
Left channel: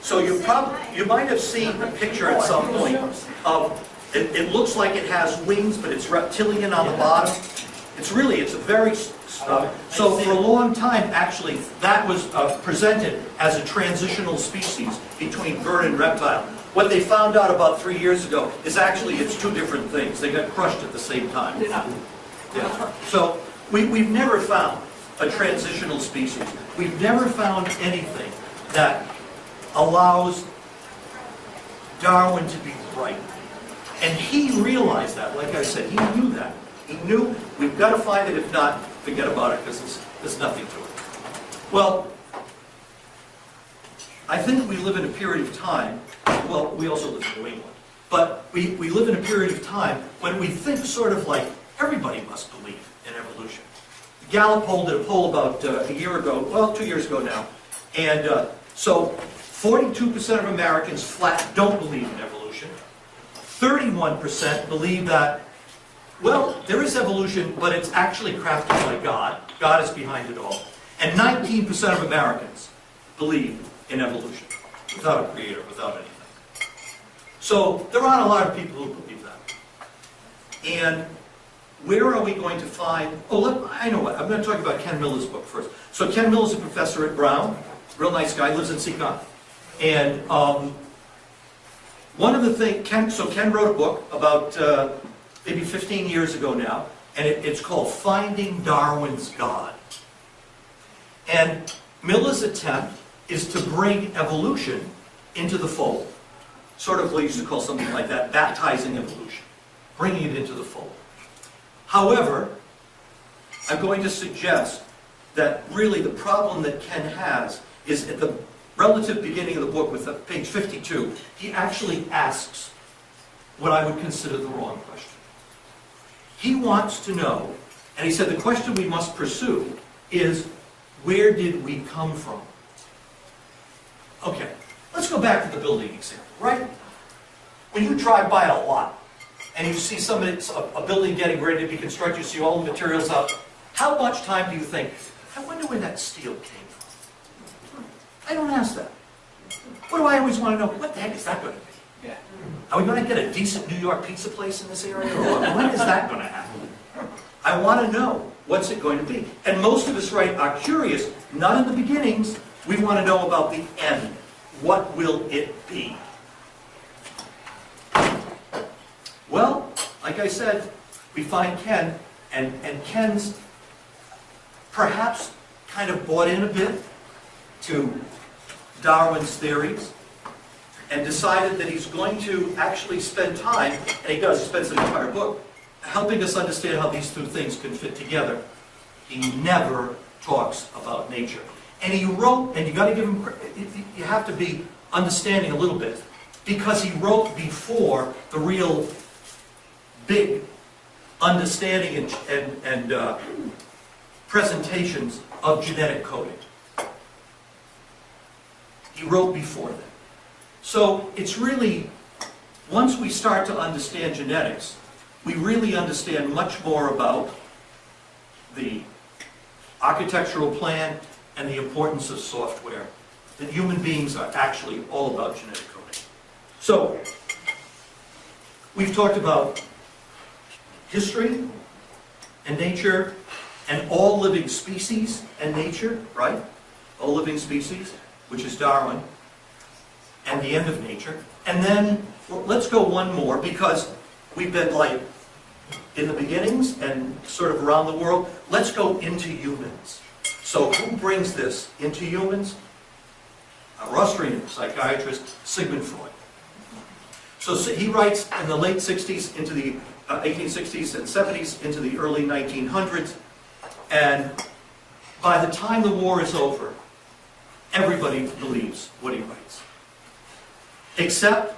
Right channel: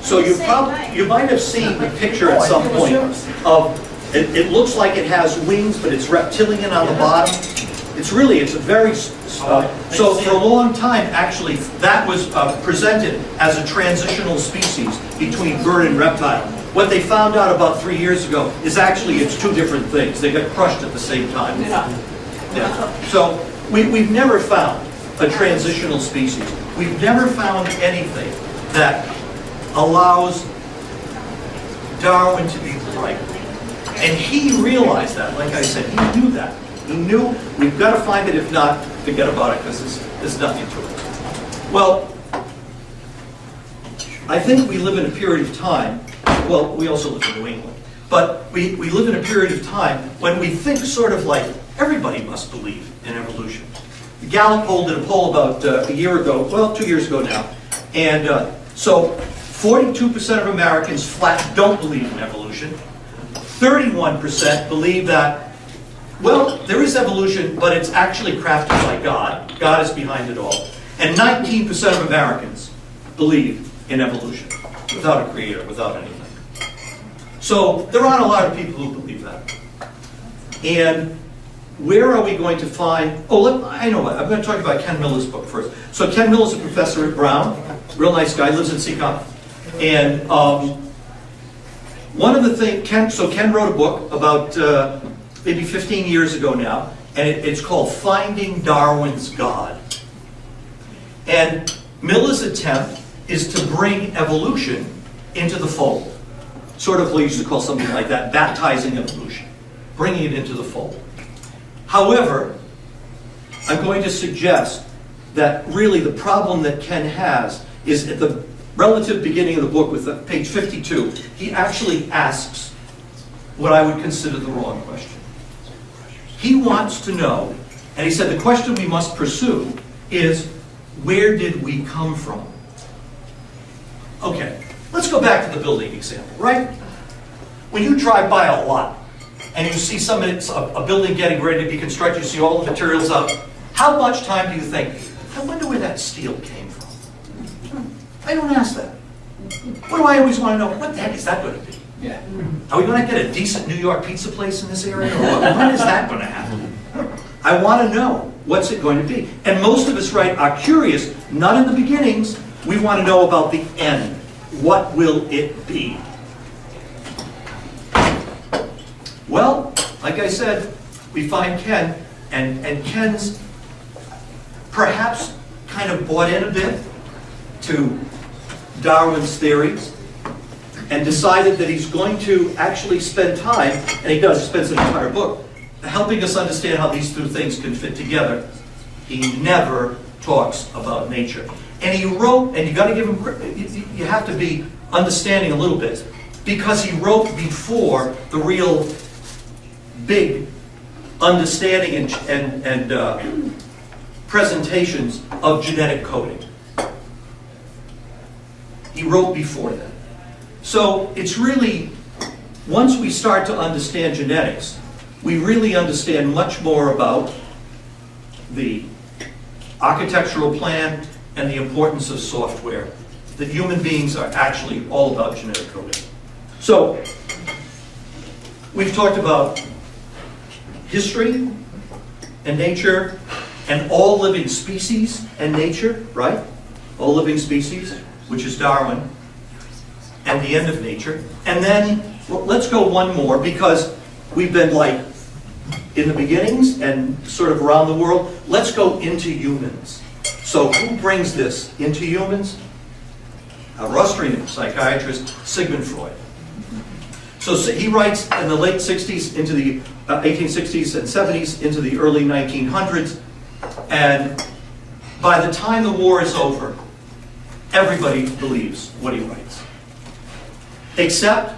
so you might have seen the picture at some point of, it looks like it has wings, but it's reptilian on the bottom. It's a very, so for a long time, actually, that was presented as a transitional species between bird and reptile. What they found out about 3 years ago is actually it's two different things. They got crushed at the same time. Yeah. So we've never found a transitional species. We've never found anything that allows Darwin to be right. And he realized that, like I said, he knew that. He knew we've got to find it, if not, forget about it, because there's nothing to it. Well, I think we live in a period of time, well, we also live in New England, but we live in a period of time when we think sort of like everybody must believe in evolution. Gallup poll did a poll about a year ago, well, 2 years ago now, and so 42% of Americans flat don't believe in evolution. 31% believe that, well, there is evolution, but it's actually crafted by God. God is behind it all. And 19% of Americans believe in evolution, without a creator, without anything. So there aren't a lot of people who believe that. And where are we going to find, I know what, I'm going to talk about Ken Miller's book first. So Ken Miller's a professor at Brown, real nice guy, lives in Seacon. And one of the things, Ken wrote a book about maybe 15 years ago now, and it's called Finding Darwin's God. And Miller's attempt is to bring evolution into the fold. Sort of we used to call something like that, baptizing evolution, bringing it into the fold. However, I'm going to suggest that really the problem that Ken has is at the relative beginning of the book with page 52, he actually asks what I would consider the wrong question. He wants to know, and he said the question we must pursue is, where did we come from? Okay, let's go back to the building example, right? When you drive by a lot and you see a building getting ready to be constructed, you see all the materials up, how much time do you think, I wonder where that steel came from? I don't ask that. What do I always want to know? What the heck is that going to be? Yeah. Are we going to get a decent New York pizza place in this area? Or when is that going to happen? I want to know, what's it going to be? And most of us, right, are curious, not in the beginnings, we want to know about the end. What will it be? Well, like I said, we find Ken, and Ken's perhaps kind of bought in a bit to Darwin's theories and decided that he's going to actually spend time, and he does, he spends an entire book, helping us understand how these two things can fit together. He never talks about nature. And he wrote, and you got to give him, you have to be understanding a little bit, because he wrote before the real big understanding and presentations of genetic coding. He wrote before that. So it's really, once we start to understand genetics, we really understand much more about the architectural plan and the importance of software, that human beings are actually all about genetic coding. So, we've talked about history and nature and all living species and nature, right? All living species, which is Darwin, and the end of nature. And then, well, let's go one more, because we've been like in the beginnings and sort of around the world. Let's go into humans. So who brings this into humans? A Austrian psychiatrist, Sigmund Freud. So he writes in the late 60s into the 1860s and 70s into the early 1900s, and by the time the war is over, everybody believes what he writes. Except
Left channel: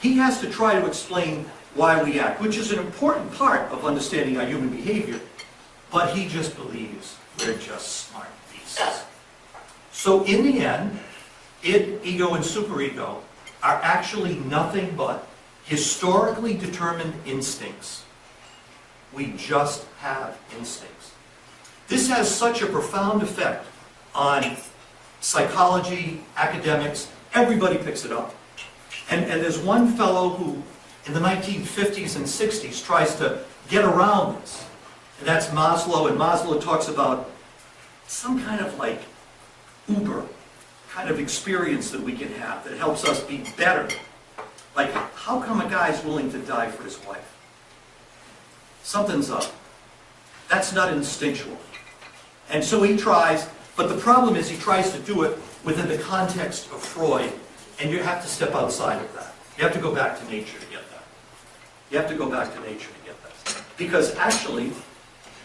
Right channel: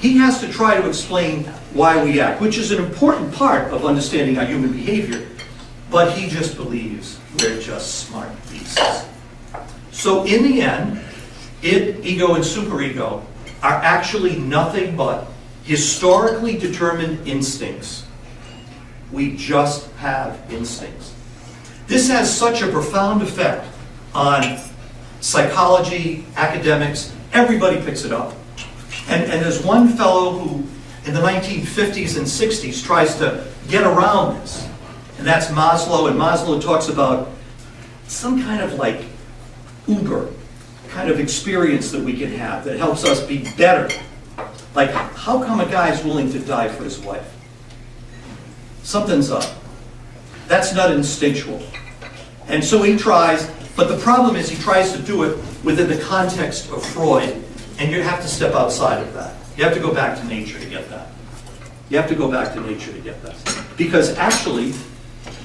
he has to try to explain why we act, which is an important part of understanding our human behavior, but he just believes we're just smart beasts. So in the end, ego, and superego are actually nothing but historically determined instincts. We just have instincts. This has such a profound effect on psychology, academics, everybody picks it up. And there's one fellow who, in the 1950s and 60s, tries to get around this. And that's Maslow, and Maslow talks about some kind of like Uber kind of experience that we can have that helps us be better. Like, how come a guy is willing to die for his wife? Something's up. That's not instinctual. And so he tries, but the problem is he tries to do it within the context of Freud, and you have to step outside of that. You have to go back to nature to get that. You have to go back to nature to get that. Because actually,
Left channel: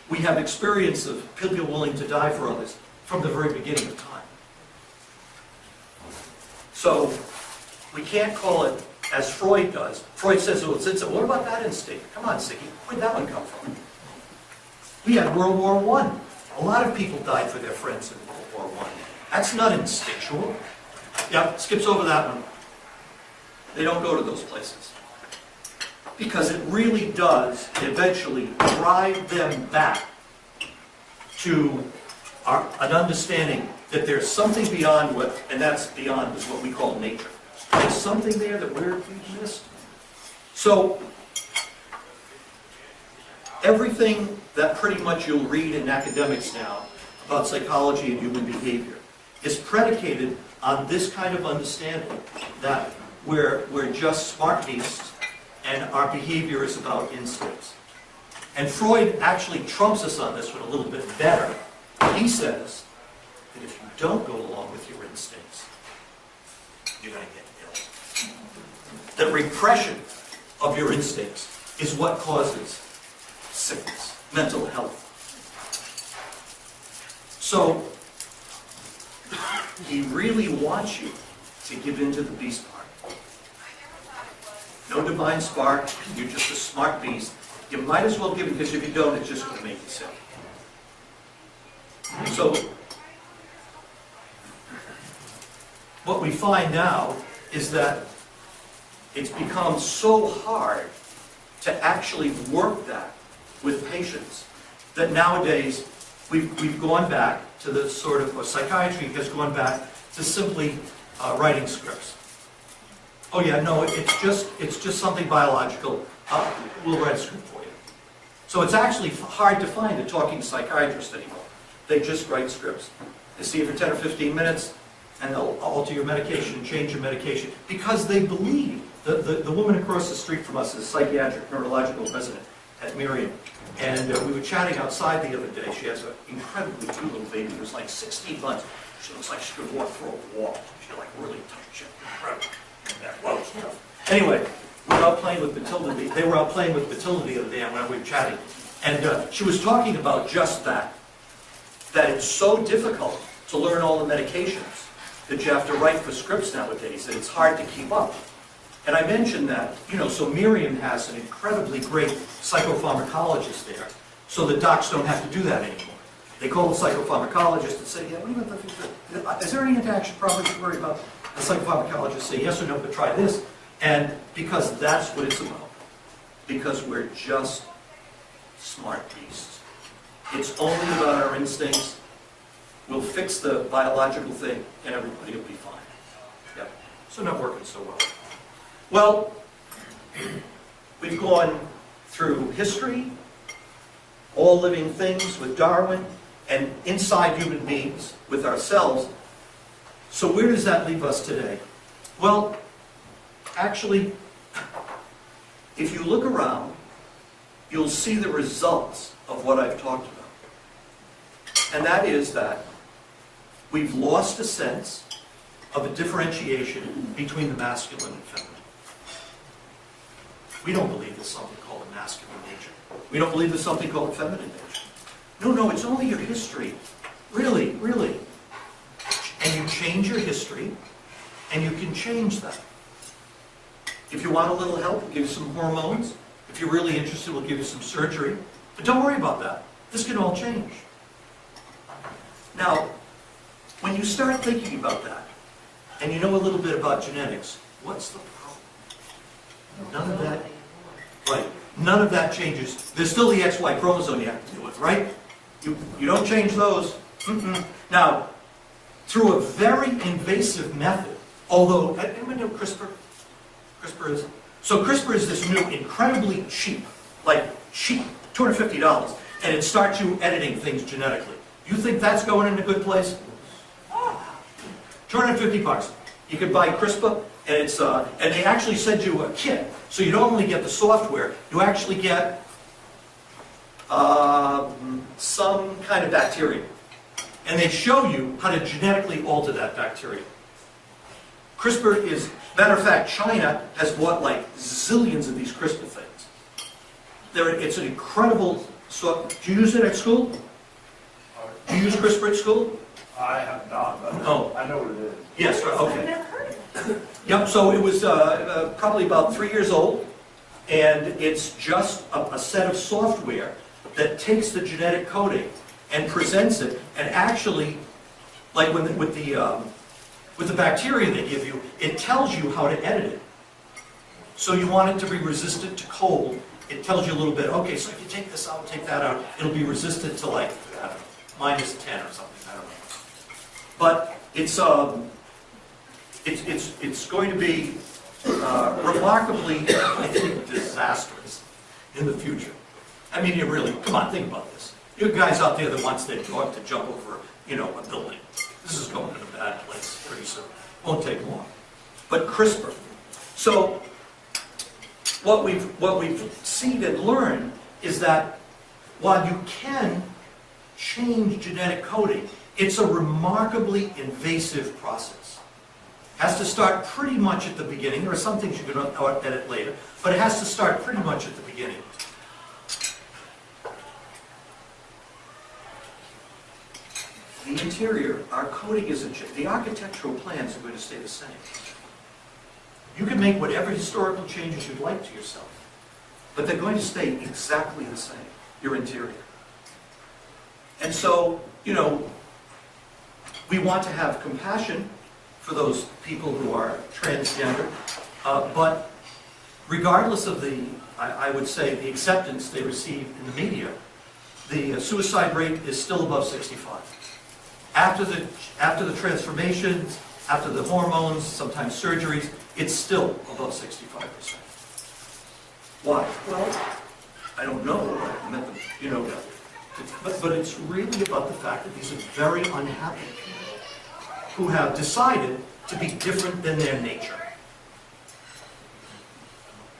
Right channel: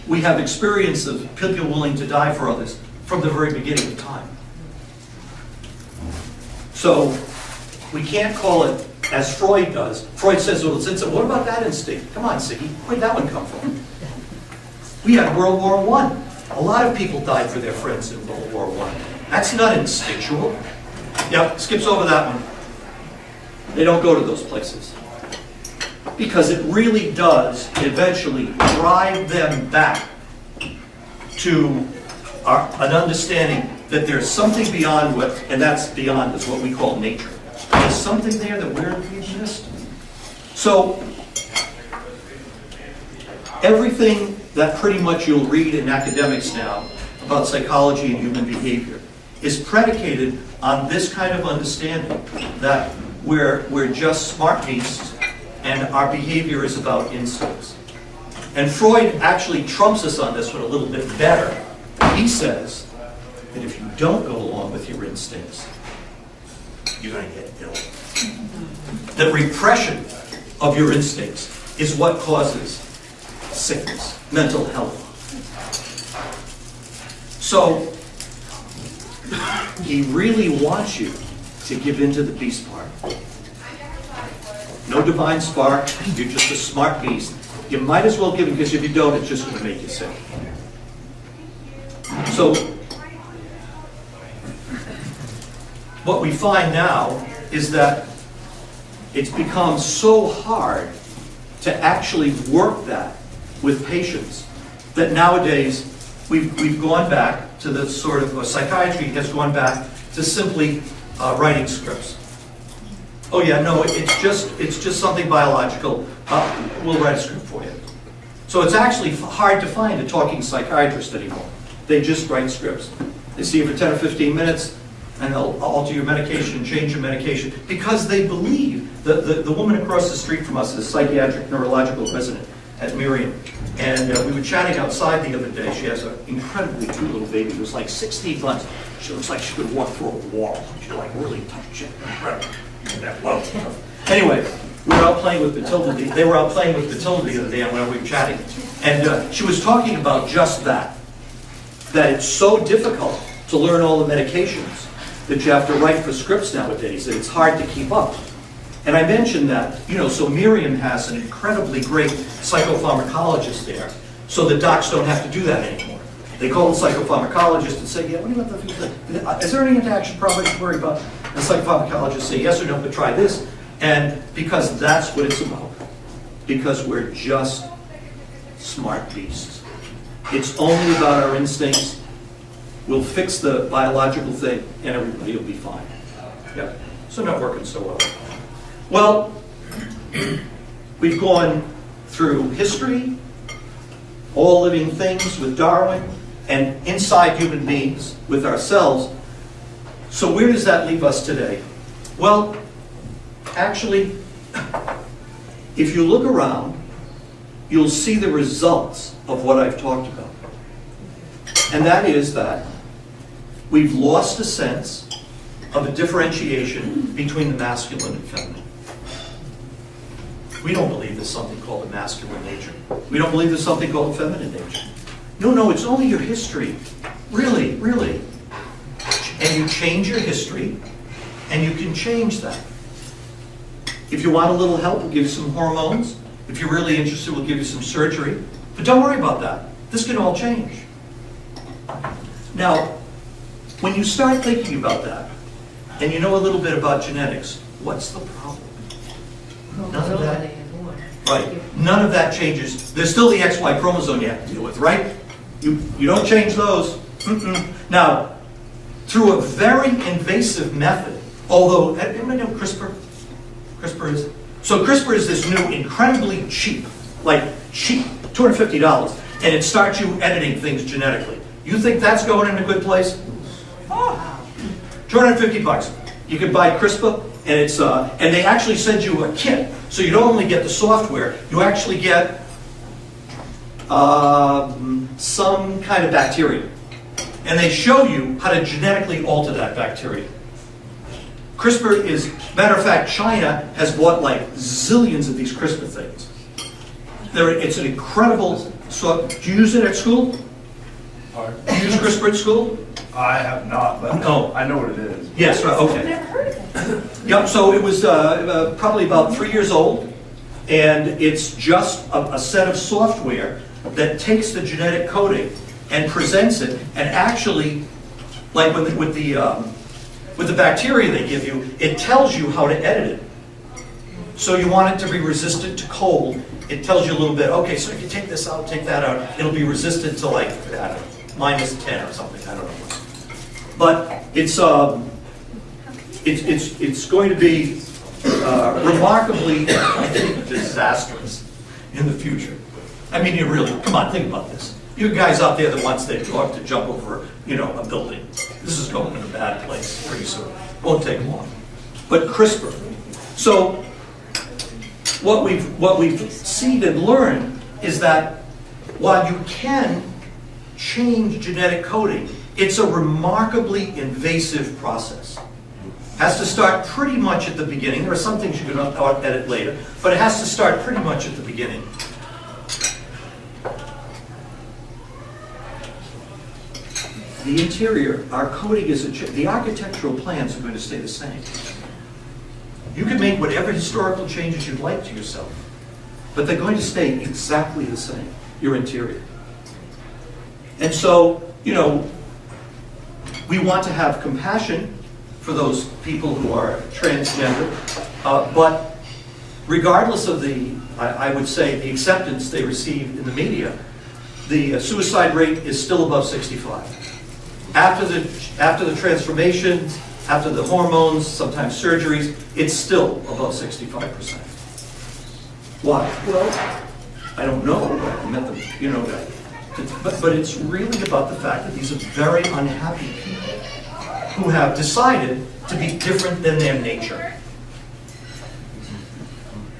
we have experience of people willing to die for others from the very beginning of time. So, we can't call it as Freud does. Freud says, well, what about that instinct? Come on, Siggy, where'd that one come from? We had World War I. A lot of people died for their friends in World War I. That's not instinctual. Yep, skips over that one. They don't go to those places. Because it really does eventually drive them back to an understanding that there's something beyond what, and that's beyond is what we call nature. There's something there that we've missed. So, everything that pretty much you'll read in academics now about psychology and human behavior is predicated on this kind of understanding that we're just smart beasts and our behavior is about instincts. And Freud actually trumps us on this one a little bit better. He says that if you don't go along with your instincts, you're going to get ill. That repression of your instincts is what causes sickness, mental health. So, he really wants you to give into the beast part. No divine spark, you're just a smart beast. You might as well give it, because if you don't, it's just going to make you sick. So, what we find now is that it's become so hard to actually work that with patients that nowadays we've gone back to the sort of, psychiatry has gone back to simply writing scripts. Oh yeah, no, it's just something biological. We'll write a script for you. So it's actually hard to find a talking psychiatrist anymore. They just write scripts. They see you for 10 or 15 minutes, and they'll alter your medication and change your medication because they believe that the woman across the street from us is a psychiatric neurological resident at Miriam. And we were chatting outside the other day. She has an incredibly cute little baby who's like 16 months. She looks like she could walk through a wall. She's like really tough shit. Incredible. Well, anyway, we were out playing with Matilda. They were out playing with Matilda the other day when we were chatting. And she was talking about just that it's so difficult to learn all the medications that you have to write for scripts nowadays, that it's hard to keep up. And I mentioned that, so Miriam has an incredibly great psychopharmacologist there, so the docs don't have to do that anymore. They call the psychopharmacologist and say, yeah, what about the, is there any interaction problem you worry about? The psychopharmacologist say yes or no, but try this. And because that's what it's about. Because we're just smart beasts. It's only about our instincts. We'll fix the biological thing and everybody will be fine. Yeah, so not working so well. Well, we've gone through history, all living things with Darwin, and inside human beings with ourselves. So where does that leave us today? Well, actually, if you look around, you'll see the results of what I've talked about. And that is that we've lost a sense of a differentiation between the masculine and feminine. We don't believe there's something called a masculine nature. We don't believe there's something called a feminine nature. No, it's only your history. Really, really. And you change your history, and you can change that. If you want a little help, we'll give you some hormones. If you're really interested, we'll give you some surgery. But don't worry about that. This can all change. Now, when you start thinking about that, and you know a little bit about genetics, what's the problem? None of that. Right. None of that changes. There's still the XY chromosome you have to deal with, right? You don't change those. Now, through a very invasive method, although, anybody know CRISPR? CRISPR is? So CRISPR is this new, incredibly cheap, $250, and it starts you editing things genetically. You think that's going in a good place? Oh, $250. You can buy CRISPR, and it's and they actually send you a kit, so you don't only get the software, you actually get some kind of bacteria, and they show you how to genetically alter that bacteria. CRISPR is, matter of fact, China has bought like zillions of these CRISPR things. It's an incredible. So, do you use it at school? Do you use CRISPR at school? I have not, but No. I know what it is. Yes, right, I've okay. never heard of it. Yep, so it was probably about 3 years old, and it's just a set of software that takes the genetic coding and presents it, and actually, like with the bacteria they give you, it tells you how to edit it. So you want it to be resistant to cold. It tells you a little bit, okay, so if you take this out, take that out, it'll be resistant to like, I don't know, -10 or something, I don't know. But it's going to be remarkably, I think, disastrous in the future. I mean, you really, come on, think about this. You guys out there that wants their dog to jump over, a building. This is going in a bad place pretty soon. Won't take long. But CRISPR. So what we've seen and learned is that while you can change genetic coding, it's a remarkably invasive process. Has to start pretty much at the beginning. There are some things you can edit later, but it has to start pretty much at the beginning. The interior, our coding is the architectural plans are going to stay the same. You can make whatever historical changes you'd like to yourself, but they're going to stay exactly the same, your interior. And so, we want to have compassion for those people who are transgender, but regardless of I would say, the acceptance they receive in the media, the suicide rate is still above 65. After the transformations, after the hormones, sometimes surgeries, it's still above 65%. Why? Well, I don't know. I met them, but it's really about the fact that these are very unhappy people who have decided to be different than their nature.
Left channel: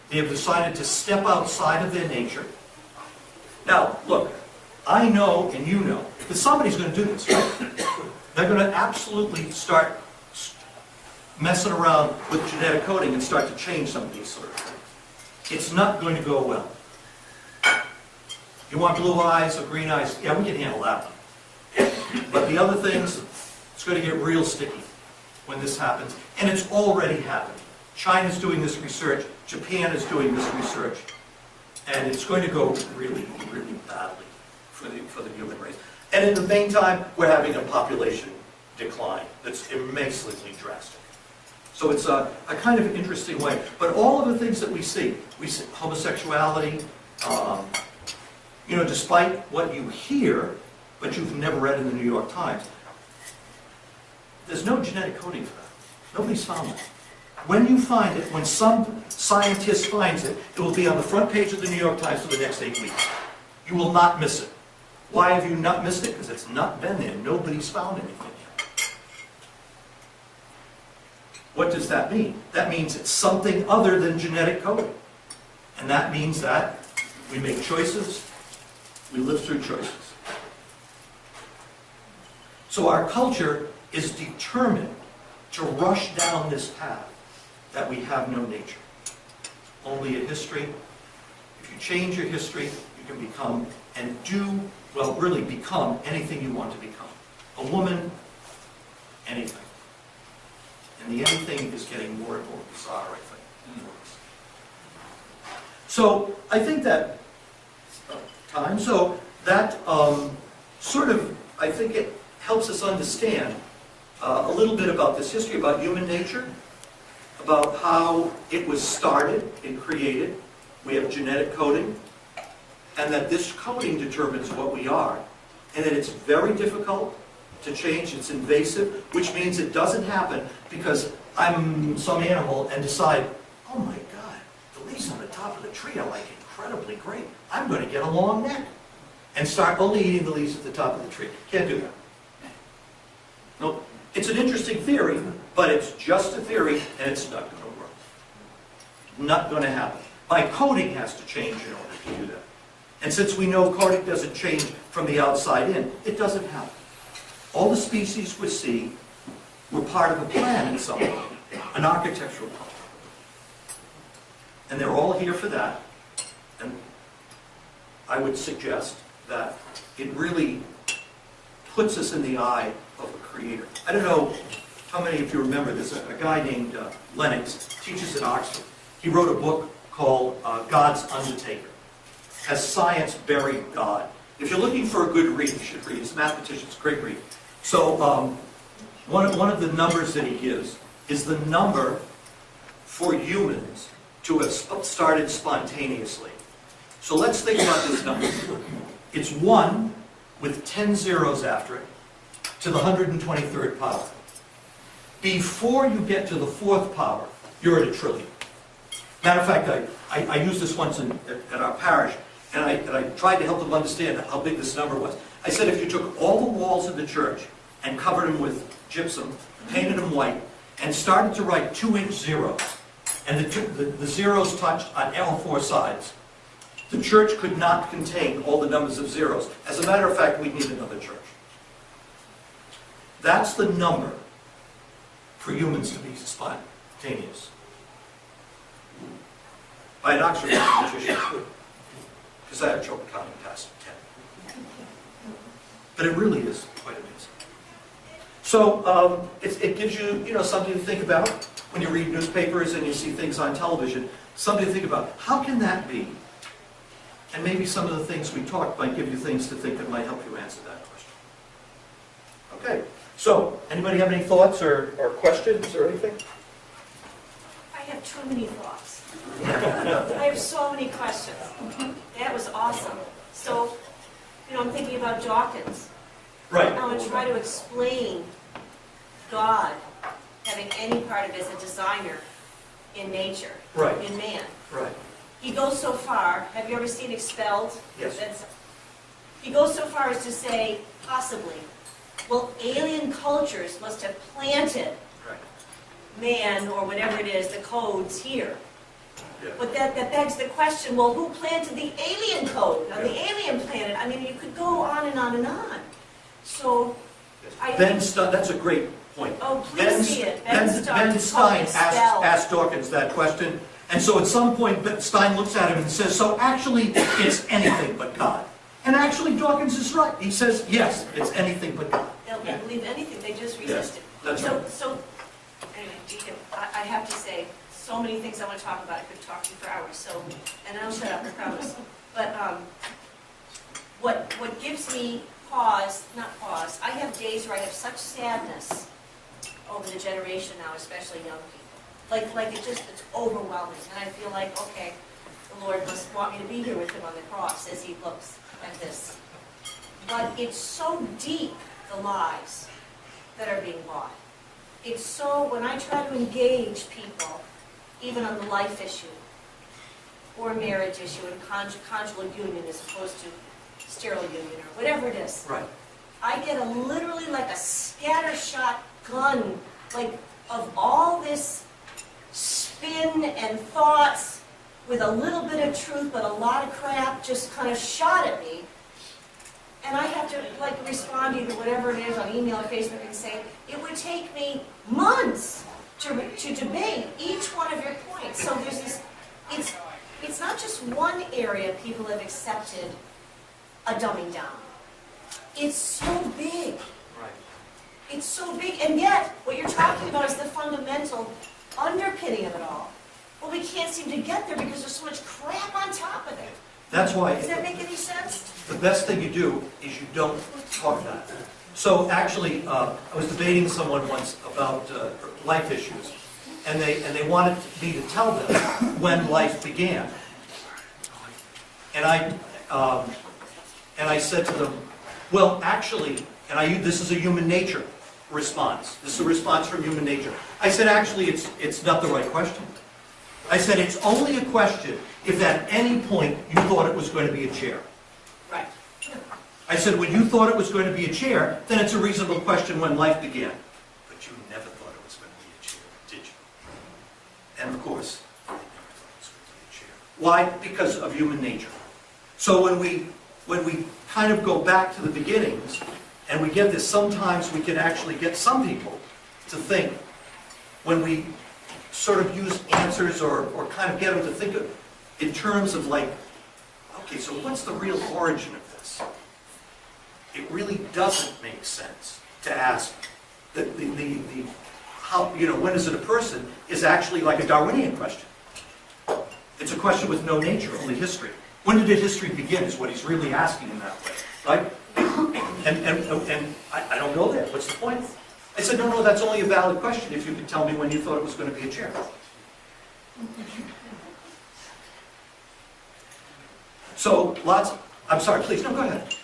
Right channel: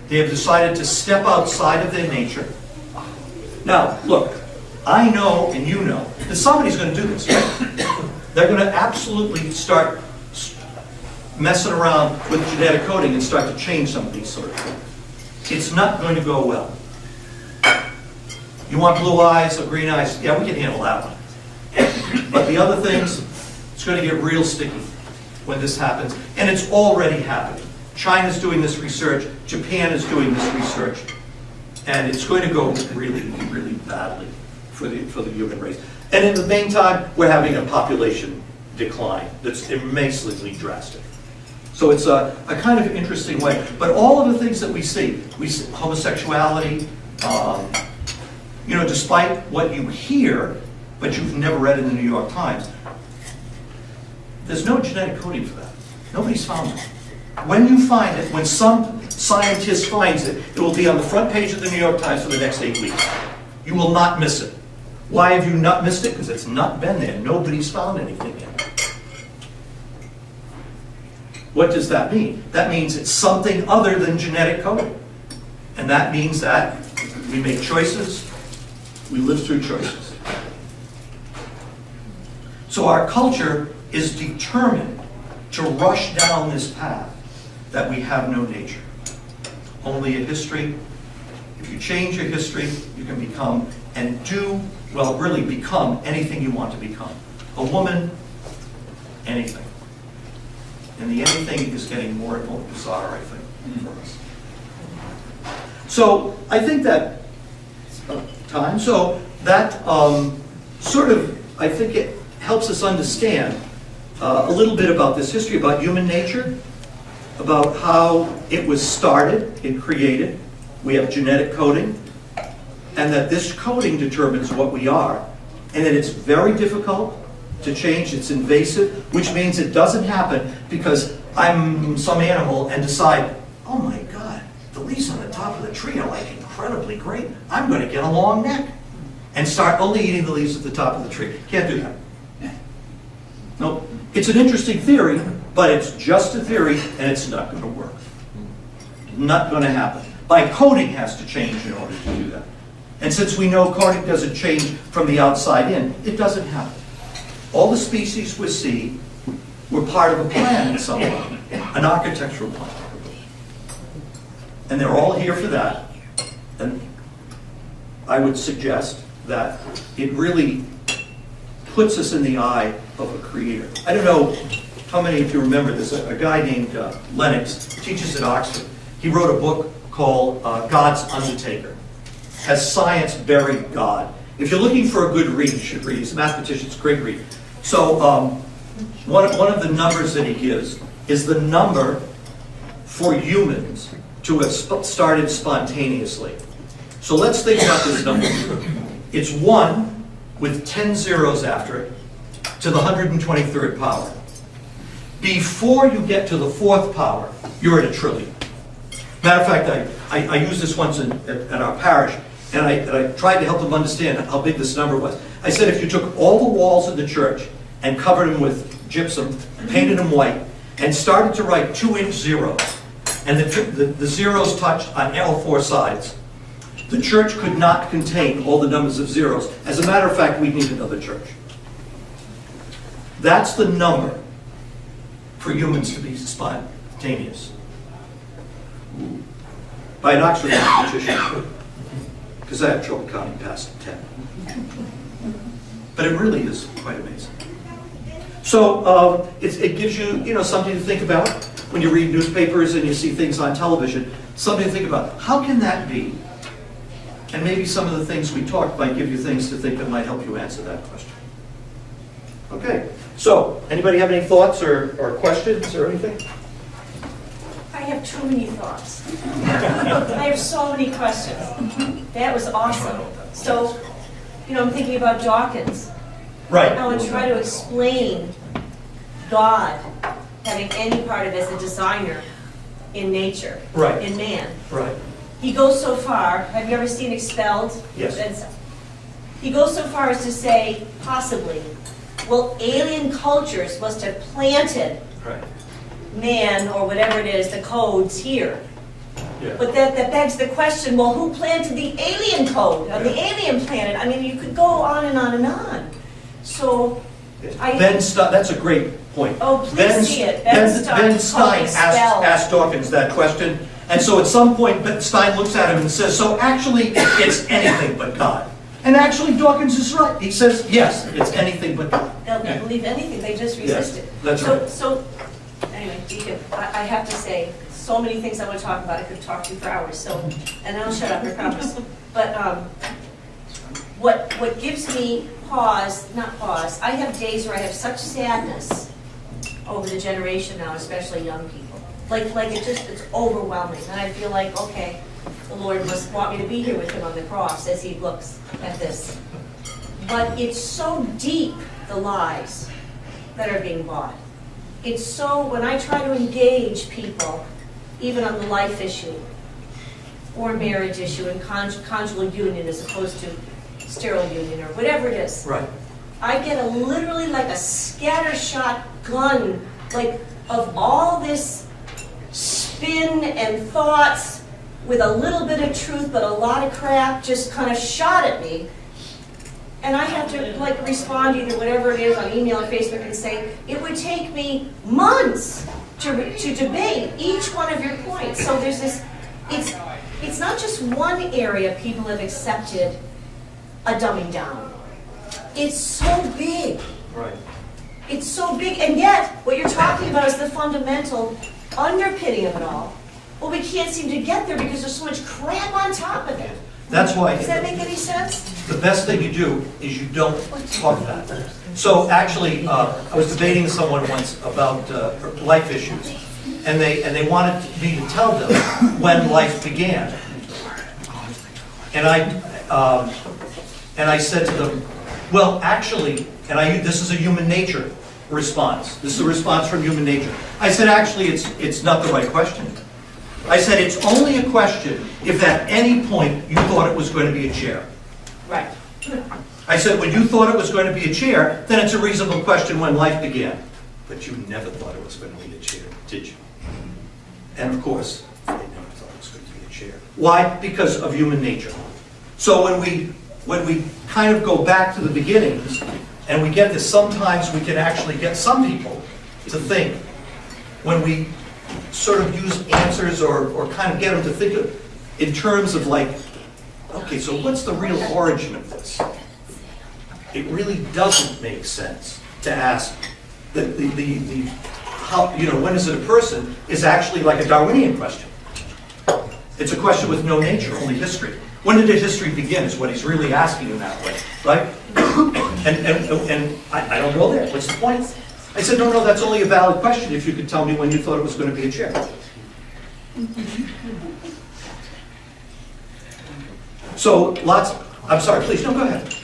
They have decided to step outside of their nature. Now, look, I know and you know that somebody's going to do this. They're going to absolutely start messing around with genetic coding and start to change some of these sort of things. It's not going to go well. You want blue eyes or green eyes? Yeah, we can handle that one. But the other things, it's going to get real sticky when this happens. And it's already happening. China's doing this research. Japan is doing this research. And it's going to go really, really badly for the human race. And in the meantime, we're having a population decline that's immensely drastic. So it's a kind of interesting way. But all of the things that we see homosexuality, despite what you hear, but you've never read in the New York Times, there's no genetic coding for that. Nobody's found it. When you find it, when some scientist finds it, it will be on the front page of the New York Times for the next 8 weeks. You will not miss it. Why have you not missed it? Because it's not been there. Nobody's found anything yet. What does that mean? That means it's something other than genetic coding. And that means that we make choices, we live through choices. So our culture is determined to rush down this path that we have no nature. Only a history. If you change your history, you can become and really become anything you want to become. A woman, anything. And the anything is getting more and more bizarre, I think, for us. So I think that time. So that I think it helps us understand a little bit about this history, about human nature, about how it was started and created. We have genetic coding, and that this coding determines what we are, and that it's very difficult to change. It's invasive, which means it doesn't happen because I'm some animal and decide, oh my God, the leaves on the top of the tree are like incredibly great. I'm going to get a long neck and start only eating the leaves at the top of the tree. Can't do that. Nope. It's an interesting theory, but it's just a theory, and it's not going to work. Not going to happen. My coding has to change in order to do that. And since we know coding doesn't change from the outside in, it doesn't happen. All the species we see were part of a plan at some point, an architectural plan. And they're all here for that. And I would suggest that it really puts us in the eye of a creator. I don't know how many of you remember this. A guy named Lennox teaches at Oxford. He wrote a book called God's Undertaker. Has science buried God? If you're looking for a good read, you should read. He's a mathematician. It's a great read. So one of the numbers that he gives is the number for humans to have started spontaneously. So let's think about this number. It's 1 with 10 zeros after it to the 123rd power. Before you get to the 4th power, you're at a trillion. Matter of fact, I used this once at our parish, and I tried to help them understand how big this number was. I said if you took all the walls of the church and covered them with gypsum, painted them white, and started to write 2-inch zeros, and the zeros touched on all 4 sides, the church could not contain all the numbers of zeros. As a matter of fact, we'd need another church. That's the number for humans to be spontaneous. By an Oxford mathematician, because I have trouble counting past 10. But it really is quite amazing. So it gives you, something to think about when you read newspapers and you see things on television. Something to think about. How can that be? And maybe some of the things we talked might give you things to think that might help you answer that question. Okay. So, anybody have any thoughts or questions or anything? I I have too many thoughts. I have so many questions. That was awesome. So, I'm thinking about Dawkins. Right. I want to try to explain God having any part of it as a designer in nature, Right. in man. Right. He goes so far, have you ever seen Expelled? Yes. He goes so far as to say, possibly, well, alien cultures must have planted Right. man, or whatever it is, the codes here. Yeah. But that begs the question, well, who planted the alien code on the alien planet? I mean, you could go on and on and on. So, That's a great point. Oh, please see it. Ben Stein Expelled. asked Dawkins that question, and so at some point, Stein looks at him and says, so actually, it's anything but God. And actually, Dawkins is right. He says, yes, it's anything but God. They'll believe anything, they just resist it. That's right. So, anyway, Deacon, I have to say, so many things I want to talk about, I could talk to you for hours, so, and then I'll shut up, I promise. But, what gives me not pause, I have days where I have such sadness over the generation now, especially young people. Like it's overwhelming, and I feel like, okay, the Lord must want me to be here with him on the cross as he looks at this. But it's so deep, the lies that are being bought. It's so, when I try to engage people, even on the life issue, or marriage issue, and conjugal union as opposed to sterile union, or whatever it is, Right. I get literally like a scattershot gun, like of all this spin and thoughts with a little bit of truth, but a lot of crap just kind of shot at me. And I have to respond either whatever it is on email or Facebook and say, it would take me months to debate each one of your points. So there's this, it's not just one area people have accepted a dumbing down. It's so big. Right. It's so big, and yet what you're talking about is the fundamental underpinning of it all. Well, we can't seem to get there because there's so much crap on top of it. That's why Does that make any sense? the best thing you do is you don't talk about it. So actually, I was debating with someone once about life issues, and they wanted me to tell them when life began. And I said to them, well, actually, this is a human nature response. This is a response from human nature. I said, actually, it's not the right question. I said, it's only a question if at any point you thought it was going to be a chair. Right. I said, when you thought it was going to be a chair, then it's a reasonable question when life began. But you never thought it was going to be a chair, did you? And of course, they never thought it was going to be a chair. Why? Because of human nature. So when we kind of go back to the beginnings, and we get this, sometimes we can actually get some people to think, when we sort of use answers or kind of get them to think of, in terms of like, okay, so what's the real origin of this? It really doesn't make sense to ask the how, when is it a person, is actually like a Darwinian question. It's a question with no nature, only history. When did history begin is what he's really asking in that way, right? And I don't know that. What's the point? I said, no, that's only a valid question if you could tell me when you thought it was going to be a chair. So I'm sorry, please, no, go ahead.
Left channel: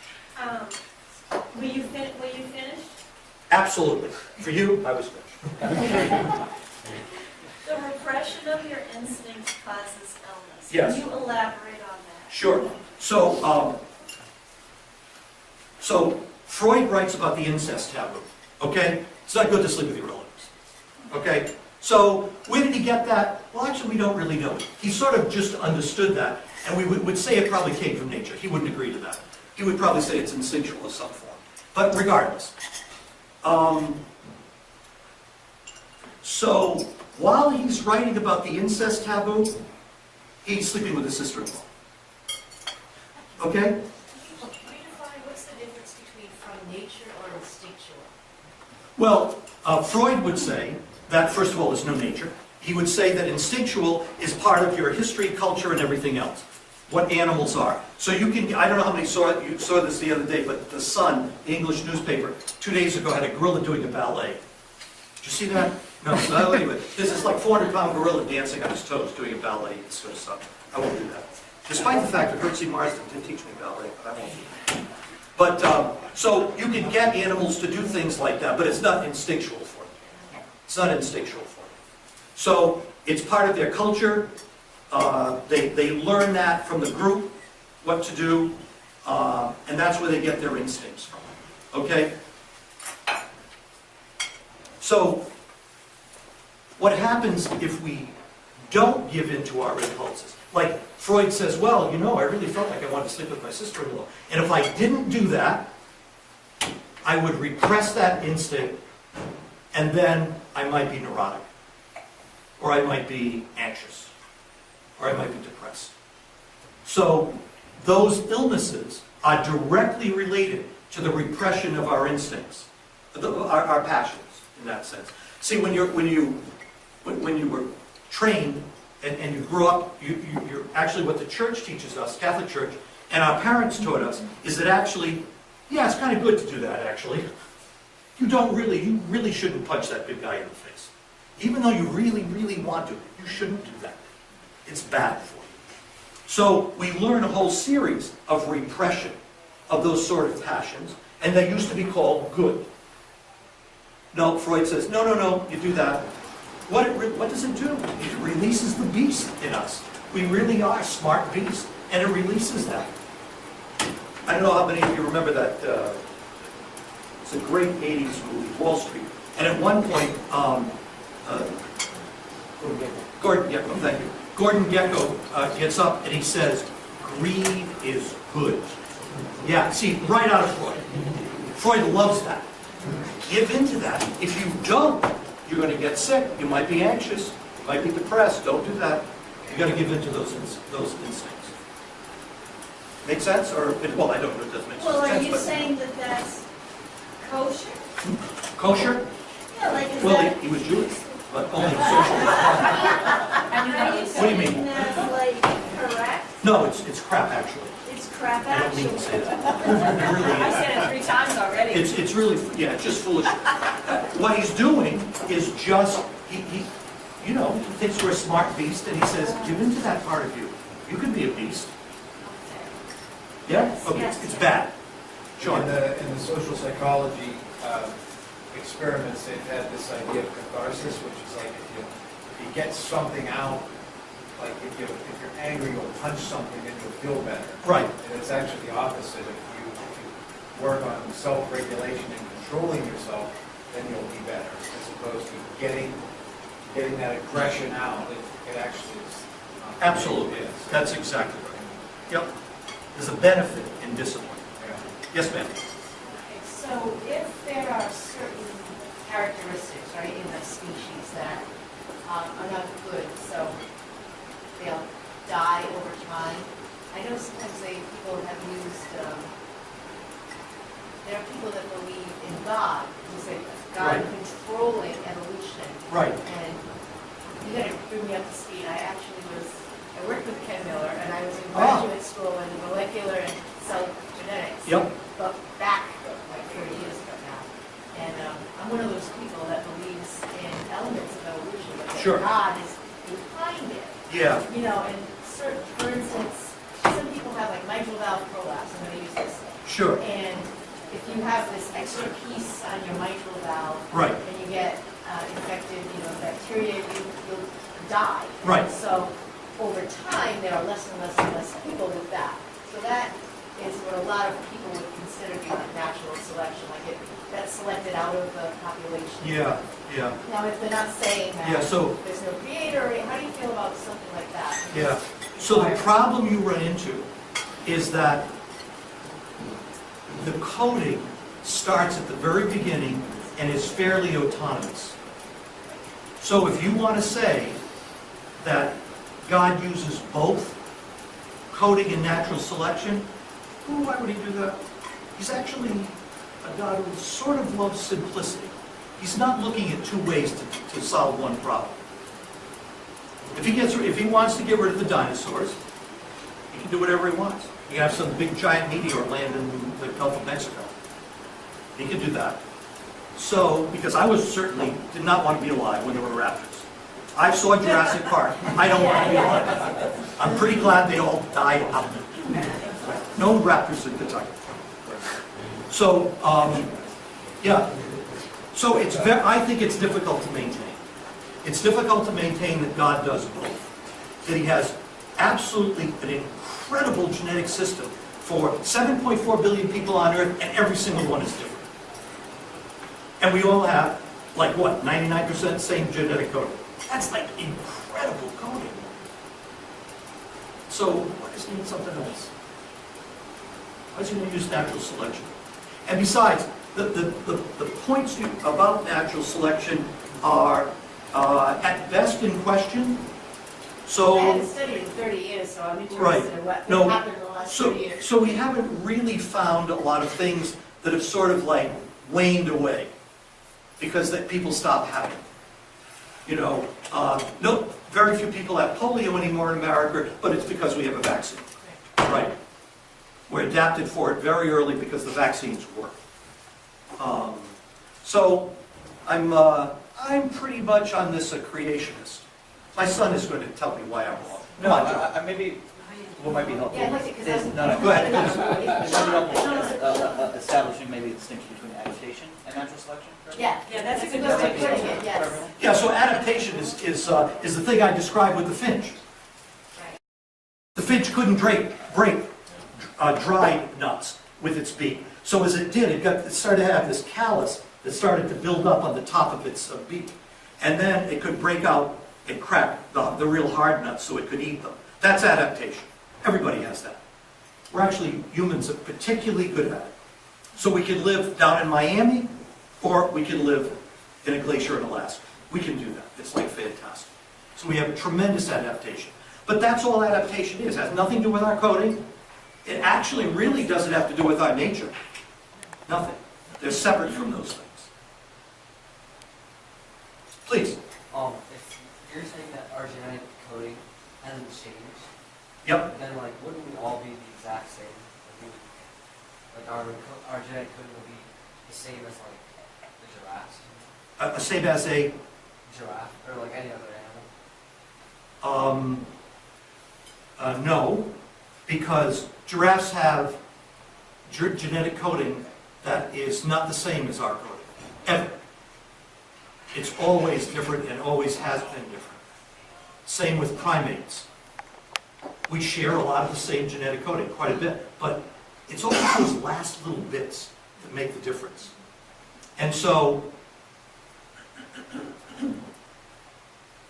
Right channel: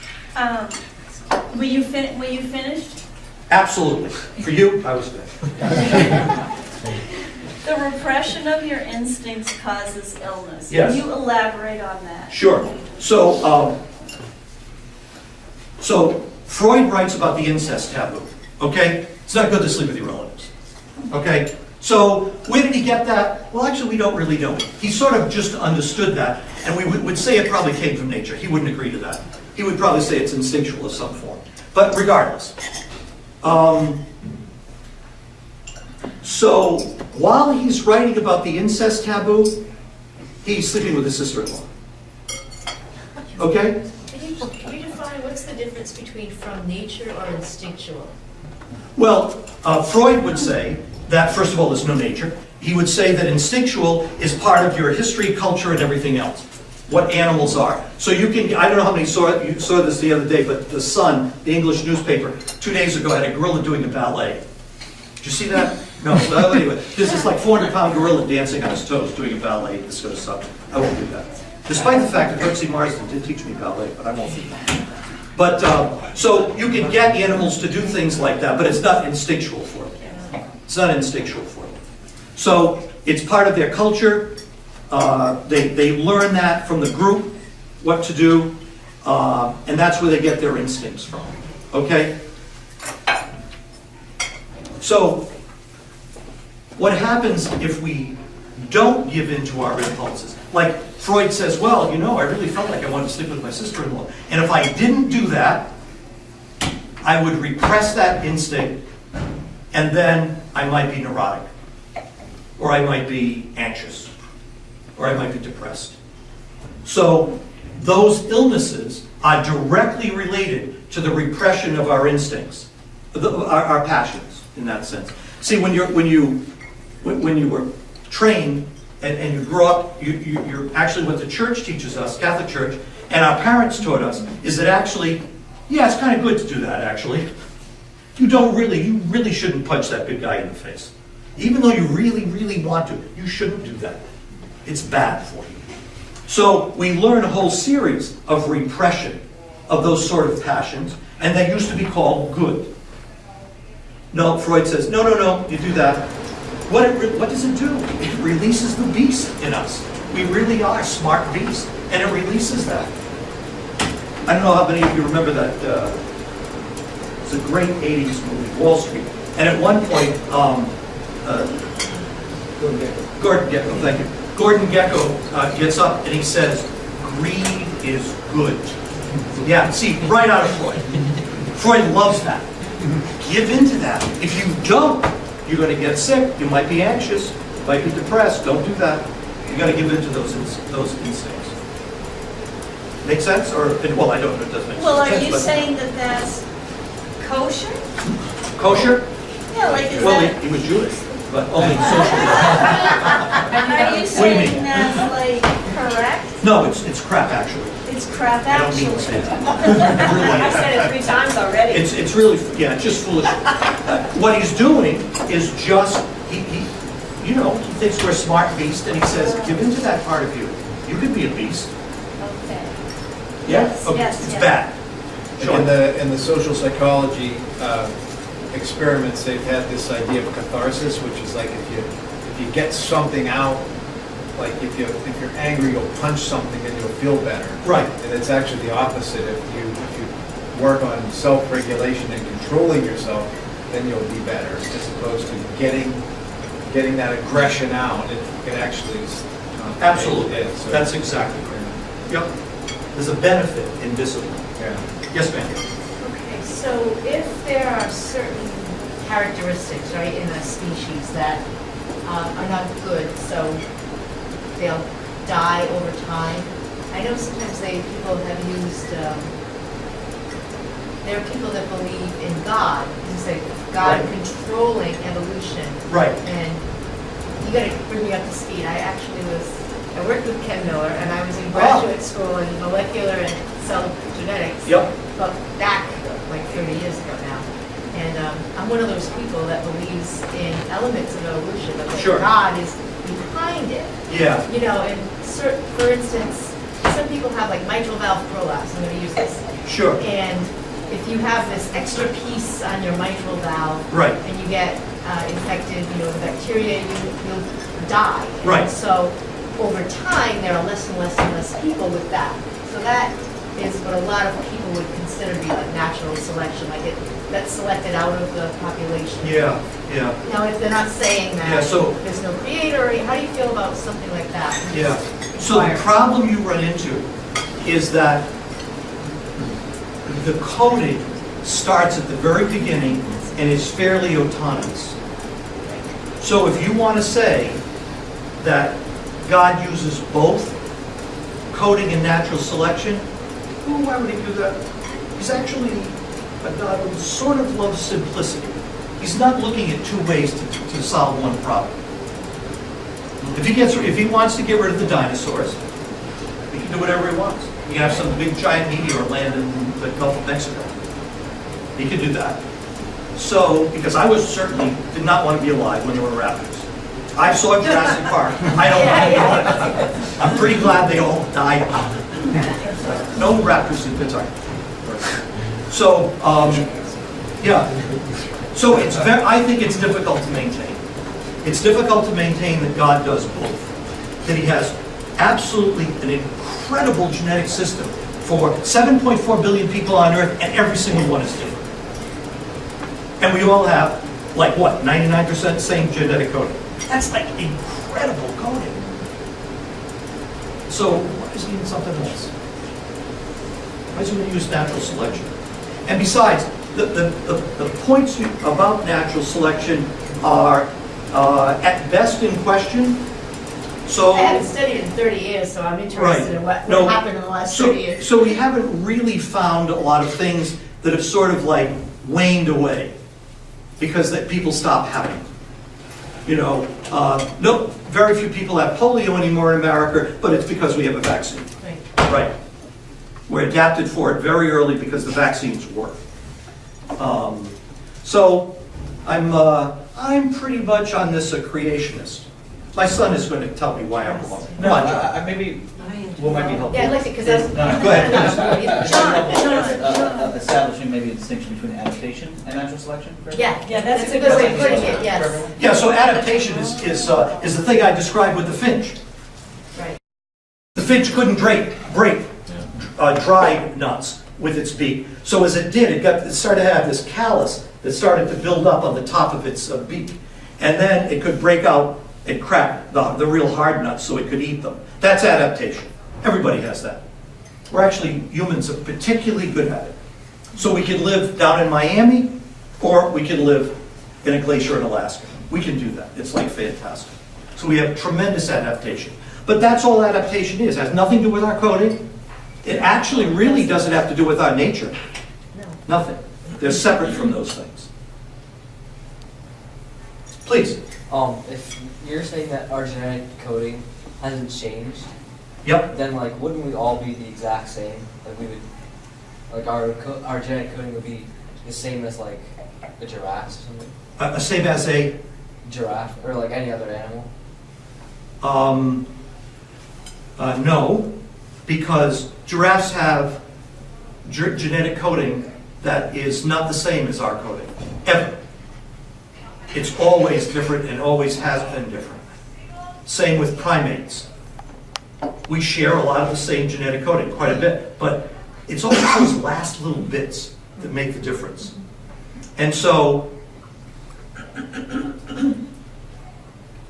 Were you finished? Absolutely. For you, I was finished. The repression of your instincts causes illness. Yes. Can you elaborate on that? Sure. So Freud writes about the incest taboo, okay? It's not good to sleep with your relatives, okay? So where did he get that? Well, actually, we don't really know. He sort of just understood that, and we would say it probably came from nature. He wouldn't agree to that. He would probably say it's instinctual of some form. But regardless. So while he's writing about the incest taboo, he's sleeping with his sister-in-law. Okay? Can you define what's the difference between from nature or instinctual? Well, Freud would say that, first of all, there's no nature. He would say that instinctual is part of your history, culture, and everything else. What animals are. So you can, I don't know how many you saw this the other day, but the Sun, the English newspaper, 2 days ago had a gorilla doing a ballet. Did you see that? No, anyway, this is like 400-pound gorilla dancing on his toes, doing a ballet, this sort of stuff. I won't do that. Despite the fact that Hertzie Marsden did teach me ballet, but I won't do that. But, so you can get animals to do things like that, but it's not instinctual for them. It's not instinctual for them. So it's part of their culture. They learn that from the group, what to do, and that's where they get their instincts from, okay? So what happens if we don't give in to our impulses? Like Freud says, well, you know, I really felt like I wanted to sleep with my sister-in-law. And if I didn't do that, I would repress that instinct, and then I might be neurotic, or I might be anxious, or I might be depressed. So those illnesses are directly related to the repression of our instincts, our passions, in that sense. See, when you were trained and you grow up, you're actually what the church teaches us, Catholic Church, and our parents taught us, is that actually, yeah, it's kind of good to do that, actually. You really shouldn't punch that big guy in the face. Even though you really, really want to, you shouldn't do that. It's bad for you. So we learn a whole series of repression of those sort of passions, and they used to be called good. No, Freud says, no, you do that. What does it do? It releases the beast in us. We really are smart beasts, and it releases that. I don't know how many of you remember that. It's a great 80s movie, Wall Street. And at one point, Gordon Gekko, thank you. Gordon Gekko gets up and he says, greed is good. Yeah, see, right out of Freud. Freud loves that. Give into that. If you don't, you're going to get sick. You might be anxious. You might be depressed. Don't do that. You got to give into those instincts. Make sense? Or well, I don't know if it does make sense. Well, are you saying that that's kosher? Kosher? Yeah, like is Well, that... he was Jewish, but only socially. Are you What do you mean? saying that's like correct? No, it's crap actually. It's crap I don't mean actually. to say that. I said it 3 times already. It's really, yeah, it's just foolish. What he's doing is just, he thinks we're smart beasts, and he says, give into that part of you. You could be a beast. Okay. Yeah? Yes, Okay, yes, it's yes. bad. Sure. In the social psychology experiments, they've had this idea of catharsis, which is like if you get something out, like if you're angry, you'll punch something and you'll feel better. Right. And it's actually the opposite. If you work on self-regulation and controlling yourself, then you'll be better, as opposed to getting that aggression out. It actually is Absolutely. So, That's exactly right. Yep. There's a benefit in discipline. yeah. Yes, ma'am. Okay, so if there are certain characteristics, right, in a species that are not good, so they'll die over time. I know sometimes people have used, there are people that believe in God. You say God Right. controlling evolution. Right. And you gotta bring me up to speed. I worked with Ken Miller, and I was in graduate school in molecular and cell genetics. Yep. But back like 30 years ago now. And I'm one of those people that believes in elements of evolution, but that Sure. God is behind it. Yeah. You know, and for instance, some people have like mitral valve prolapse. I'm going to use this. Sure. And if you have this extra piece on your mitral valve, Right. and you get infected, with bacteria, you'll die. Right. And so over time, there are less and less and less people with that. So that is what a lot of people would consider to be like natural selection, like that's selected out of the population. Yeah. Yeah. Now, if they're not saying that Yeah, so- there's no creator, how do you feel about something like that? Yeah. So the Inquire. problem you run into is that the coding starts at the very beginning and is fairly autonomous. So if you want to say that God uses both coding and natural selection, well, why would he do that? He's actually a God who sort of loves simplicity. He's not looking at two ways to solve one problem. If he wants to get rid of the dinosaurs, he can do whatever he wants. He can have some big giant meteor land in the Gulf of Mexico. He can do that. So, because I was certainly, did not want to be alive when there were raptors. I saw Jurassic Park. I don't want to be alive. I'm pretty glad they all died out. No raptors in Pittsburgh. So, yeah. So I think it's difficult to maintain. It's difficult to maintain that God does both. That he has absolutely an incredible genetic system for 7.4 billion people on Earth, and every single one is different. And we all have, like what, 99% same genetic coding. That's like incredible coding. So why does he need something else? Why is he going to use natural selection? And besides, the points about natural selection are at best in question. So I haven't studied in 30 years, so I'm interested in what happened in the last 30 years. So we haven't really found a lot of things that have sort of like waned away because that people stop having. No, very few people have polio anymore in America, but it's because we have a vaccine. Right. We're adapted for it very early because the vaccines work. So I'm pretty much on this a creationist. My son is going to tell me why I'm wrong. No, maybe what might be helpful. Yeah, I'd like to, because is- that's... Go ahead. Establishing maybe a distinction between adaptation and natural selection. for everyone? Yeah, that's a good way of putting it, yes. Yeah, so adaptation is the thing I described with the finch. Right. The finch couldn't break dry nuts with its beak. So as it did, it started to have this callus that started to build up on the top of its beak. And then it could break out and crack the real hard nuts so it could eat them. That's adaptation. Everybody has that. We're actually, humans are particularly good at it. So we can live down in Miami, or we can live in a glacier in Alaska. We can do that. It's like fantastic. So we have tremendous adaptation. But that's all adaptation is. It has nothing to do with our coding. It actually really doesn't have to do with our nature. Nothing. They're separate from those things. Please. If you're saying that our genetic coding hasn't changed, Yep. then like wouldn't we all be the exact same? Like we would, like our genetic coding would be the same as like the giraffes or something. Same as a Giraffe or like any other animal. No, because giraffes have genetic coding that is not the same as our coding, ever. It's always different and always has been different. Same with primates. We share a lot of the same genetic coding, quite a bit, but it's always those last little bits that make the difference. And so,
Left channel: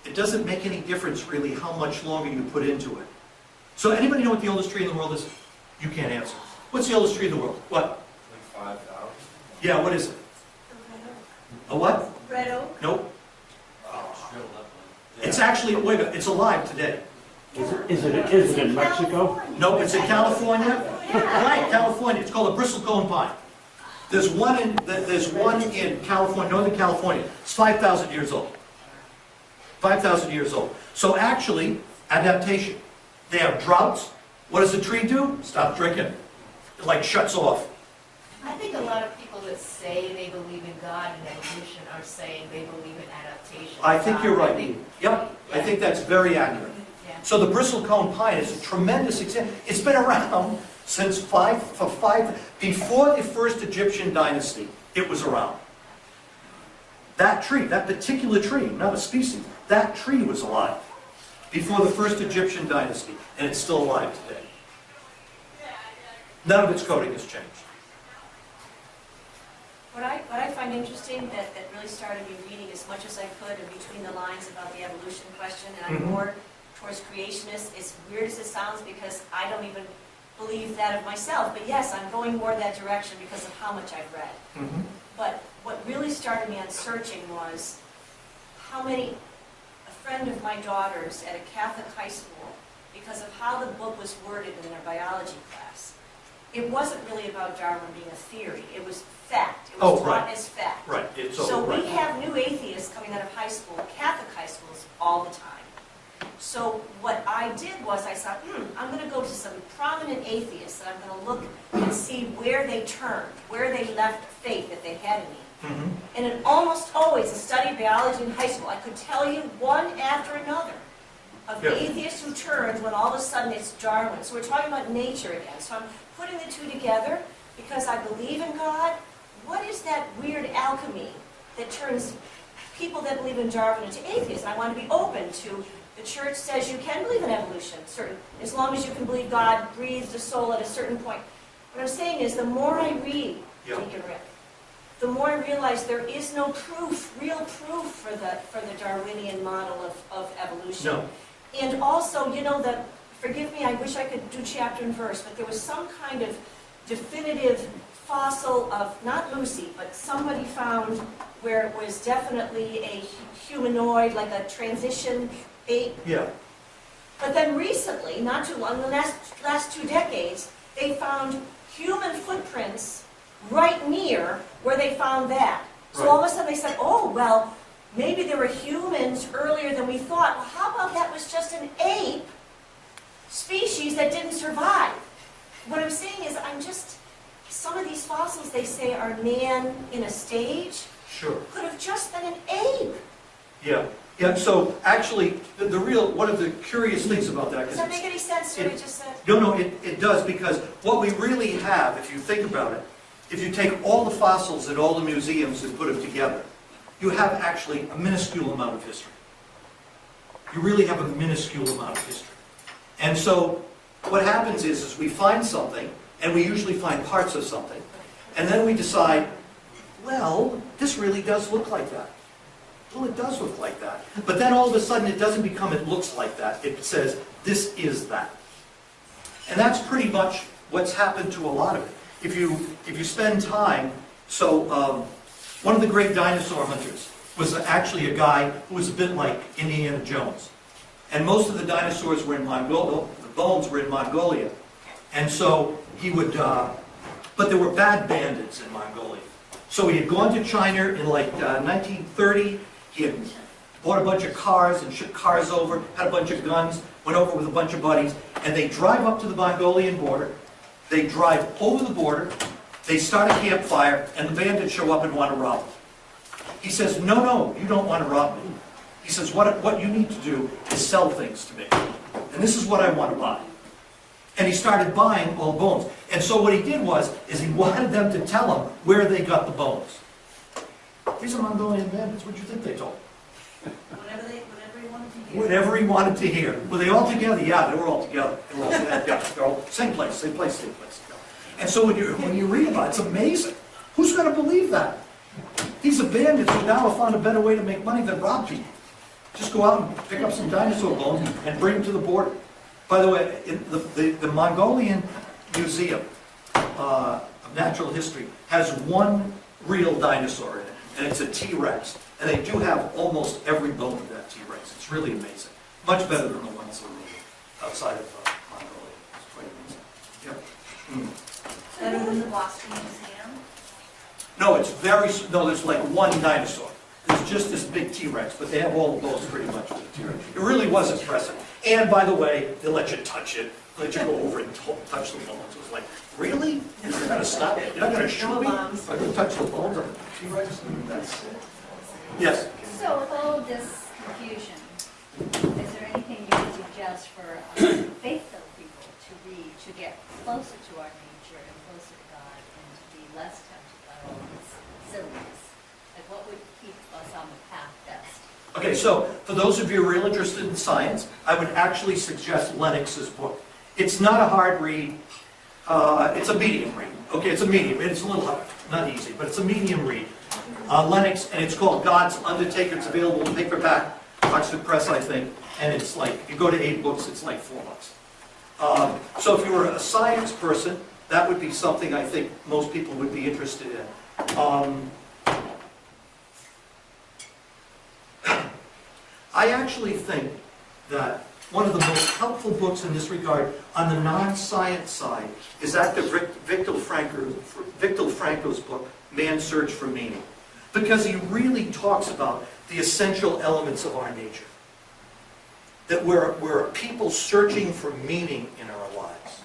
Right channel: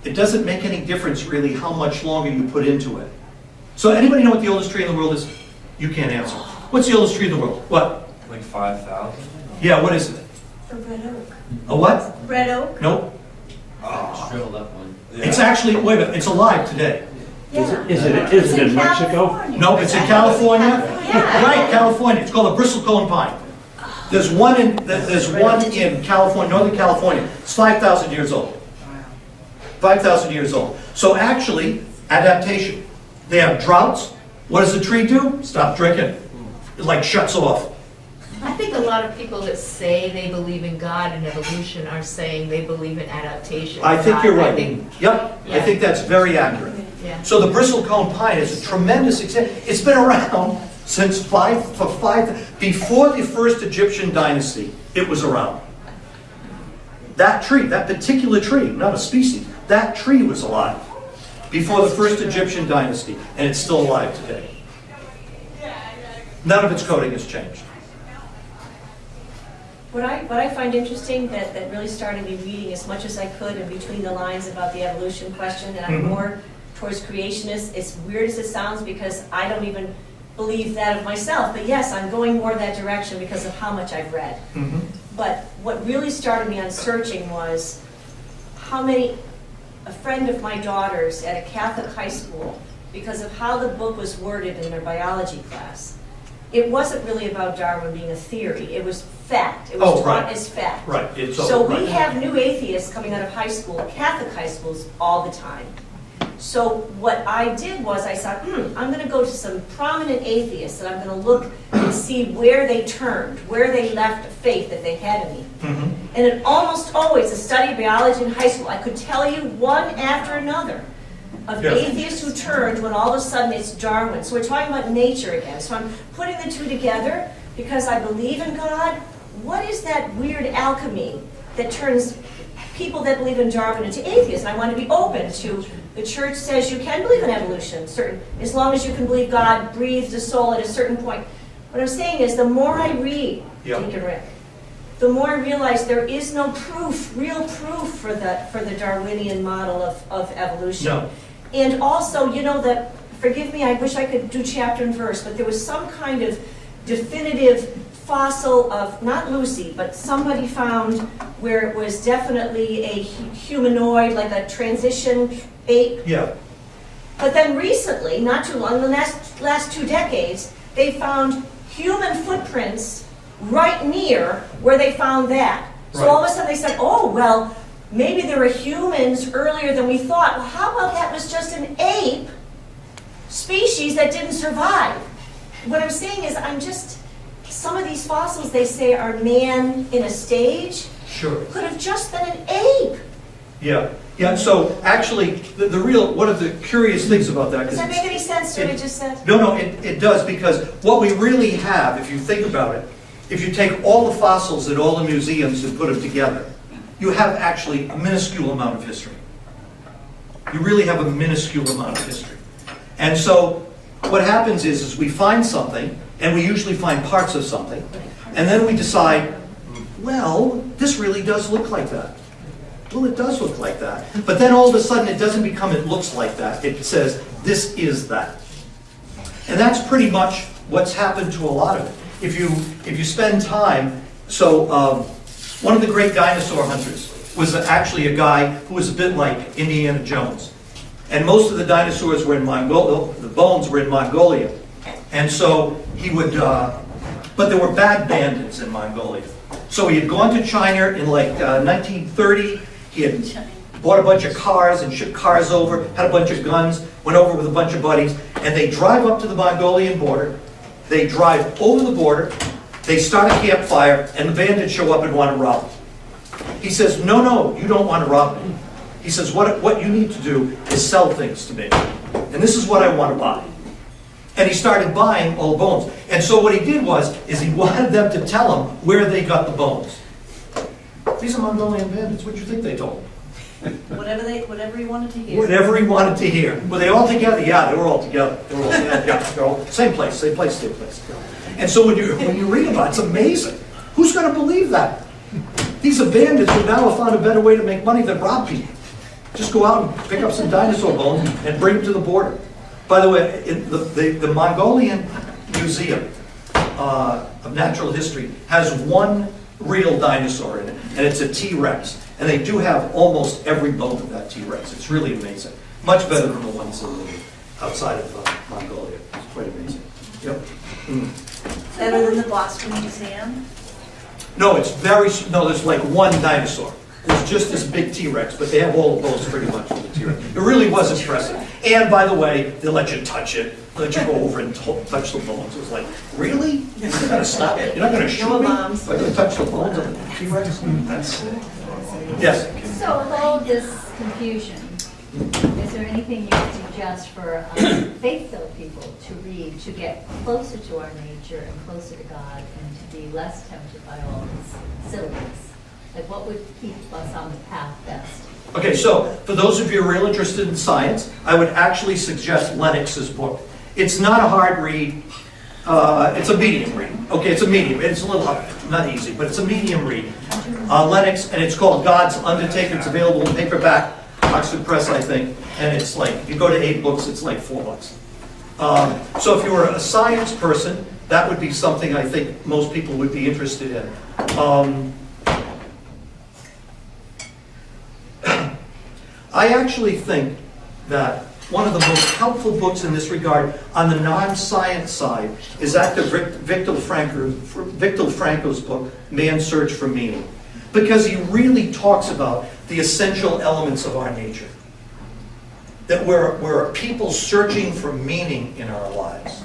it doesn't make any difference really how much longer you put into it. So anybody know what the oldest tree in the world is? You can't answer. What's the oldest tree in the world? What? Like 5,000? Yeah, what is it? The red oak. A what? Red oak? Nope. Drilled up one. It's actually, wait a minute, it's alive today. Yeah. Is it in Mexico? No, it's in California. Yeah. Right, California. It's called a bristlecone pine. There's one in California, Northern California. It's 5,000 years old. 5,000 years old. So actually, adaptation. They have droughts. What does the tree do? Stop drinking. It like shuts off. I think a lot of people that say they believe in God and evolution are saying they believe in adaptation. I think you're I right. think- Yep, I Yeah. think that's very accurate. Yeah. So the bristlecone pine is a tremendous example. It's been around since before the first Egyptian dynasty, it was around. That tree, that particular tree, not a species, that tree was alive before the first Egyptian dynasty, and it's still alive today. None of its coding has changed. What I find interesting that really started me reading as much as I could in between the lines about the evolution question, and I'm more towards creationists. As weird as it sounds, because I don't even believe that of myself, but yes, I'm going more that direction because of how much I've read. But what really started me on searching was a friend of my daughter's at a Catholic high school, because of how the book was worded in their biology class, it wasn't really about Darwin being a theory, it was fact. It was taught as fact. Right. It's So right. we have new atheists coming out of high school, Catholic high schools, all the time. So what I did was I thought, I'm going to go to some prominent atheists and I'm going to look and see where they turned, where they left faith that they had in me. Mhm. And it almost always, a study of biology in high school, I could tell you one after another of Yeah. atheists who turned when all of a sudden it's Darwin. So we're talking about nature again. So I'm putting the two together because I believe in God. What is that weird alchemy that turns people that believe in Darwin into atheists? And I want to be open to, the church says you can believe in evolution, certain, as long as you can believe God breathed a soul at a certain point. What I'm saying is the more I read, Yeah. Deacon Rick, the more I realize there is no proof, real proof for the Darwinian model of evolution. No. And also, you know, that, forgive me, I wish I could do chapter and verse, but there was some kind of definitive fossil of, not Lucy, but somebody found where it was definitely a humanoid, like a transition ape. Yeah. But then recently, not too long, in the last 2 decades, they found human footprints right near where they found that. So Right. all of a sudden they said, oh, well, maybe there were humans earlier than we thought. Well, how about that was just an ape species that didn't survive? What I'm saying is some of these fossils they say are man in a stage, Sure. could have just been an ape. Yeah. Yeah. So actually, the real, one of the curious things about that, Does that make any sense to what I just said? No, it does, because what we really have, if you think about it, if you take all the fossils at all the museums and put them together, you have actually a minuscule amount of history. You really have a minuscule amount of history. And so what happens is we find something, and we usually find parts of something, and then we decide, well, this really does look like that. Well, it does look like that. But then all of a sudden it doesn't become it looks like that. It says, this is that. And that's pretty much what's happened to a lot of it. If you spend time, so one of the great dinosaur hunters was actually a guy who was a bit like Indiana Jones. And most of the dinosaurs were in Mongolia, the bones were in Mongolia. And so he would, but there were bad bandits in Mongolia. So he had gone to China in like 1930. He had bought a bunch of cars and shipped cars over, had a bunch of guns, went over with a bunch of buddies, and they drive up to the Mongolian border. They drive over the border, they start a campfire, and the bandits show up and want to rob them. He says, no, you don't want to rob me. He says, what you need to do is sell things to me. And this is what I want to buy. And he started buying all the bones. And so what he did is he wanted them to tell him where they got the bones. These are Mongolian bandits. What do you think they told him? Whatever he wanted to hear. Whatever he wanted to hear. Were they all together? Yeah, they were all together. They were all together. Yeah, they're all same place. And so when you read about it, it's amazing. Who's going to believe that? These are bandits who now have found a better way to make money than rob people. Just go out and pick up some dinosaur bones and bring them to the border. By the way, the Mongolian Museum of Natural History has one real dinosaur in it, and it's a T-Rex. And they do have almost every bone of that T-Rex. It's really amazing. Much better than the ones outside of Mongolia. It's quite amazing. Yep. Mm. Better than the Boston Museum? No, there's like one dinosaur. It's just this big T-Rex, but they have all the bones pretty much for the T-Rex. It really was impressive. And by the way, they let you touch it. They let you go over and touch the bones. It was like, really? You're not going to stop it? You're not going to shoot me? If I can touch the bones of the T-Rex? Yes? So with all of this confusion, is there anything you would suggest for faith-filled people to read to get closer to our nature and closer to God and to be less tempted by all this silliness? Like what would keep us on the path best? Okay, so for those of you who are real interested in science, I would actually suggest Lennox's book. It's not a hard read. It's a medium read. Okay, it's a medium. It's a little not easy, but it's a medium read. Lennox, and it's called God's Undertaker. It's available in paperback, Oxford Press, I think. And it's like, if you go to 8 books, it's like $4. So if you were a science person, that would be something I think most people would be interested in. I actually think that one of the most helpful books in this regard on the non-science side is Victor Franco's book, Man's Search for Meaning, because he really talks about the essential elements of our nature. that we're people searching for meaning in our lives.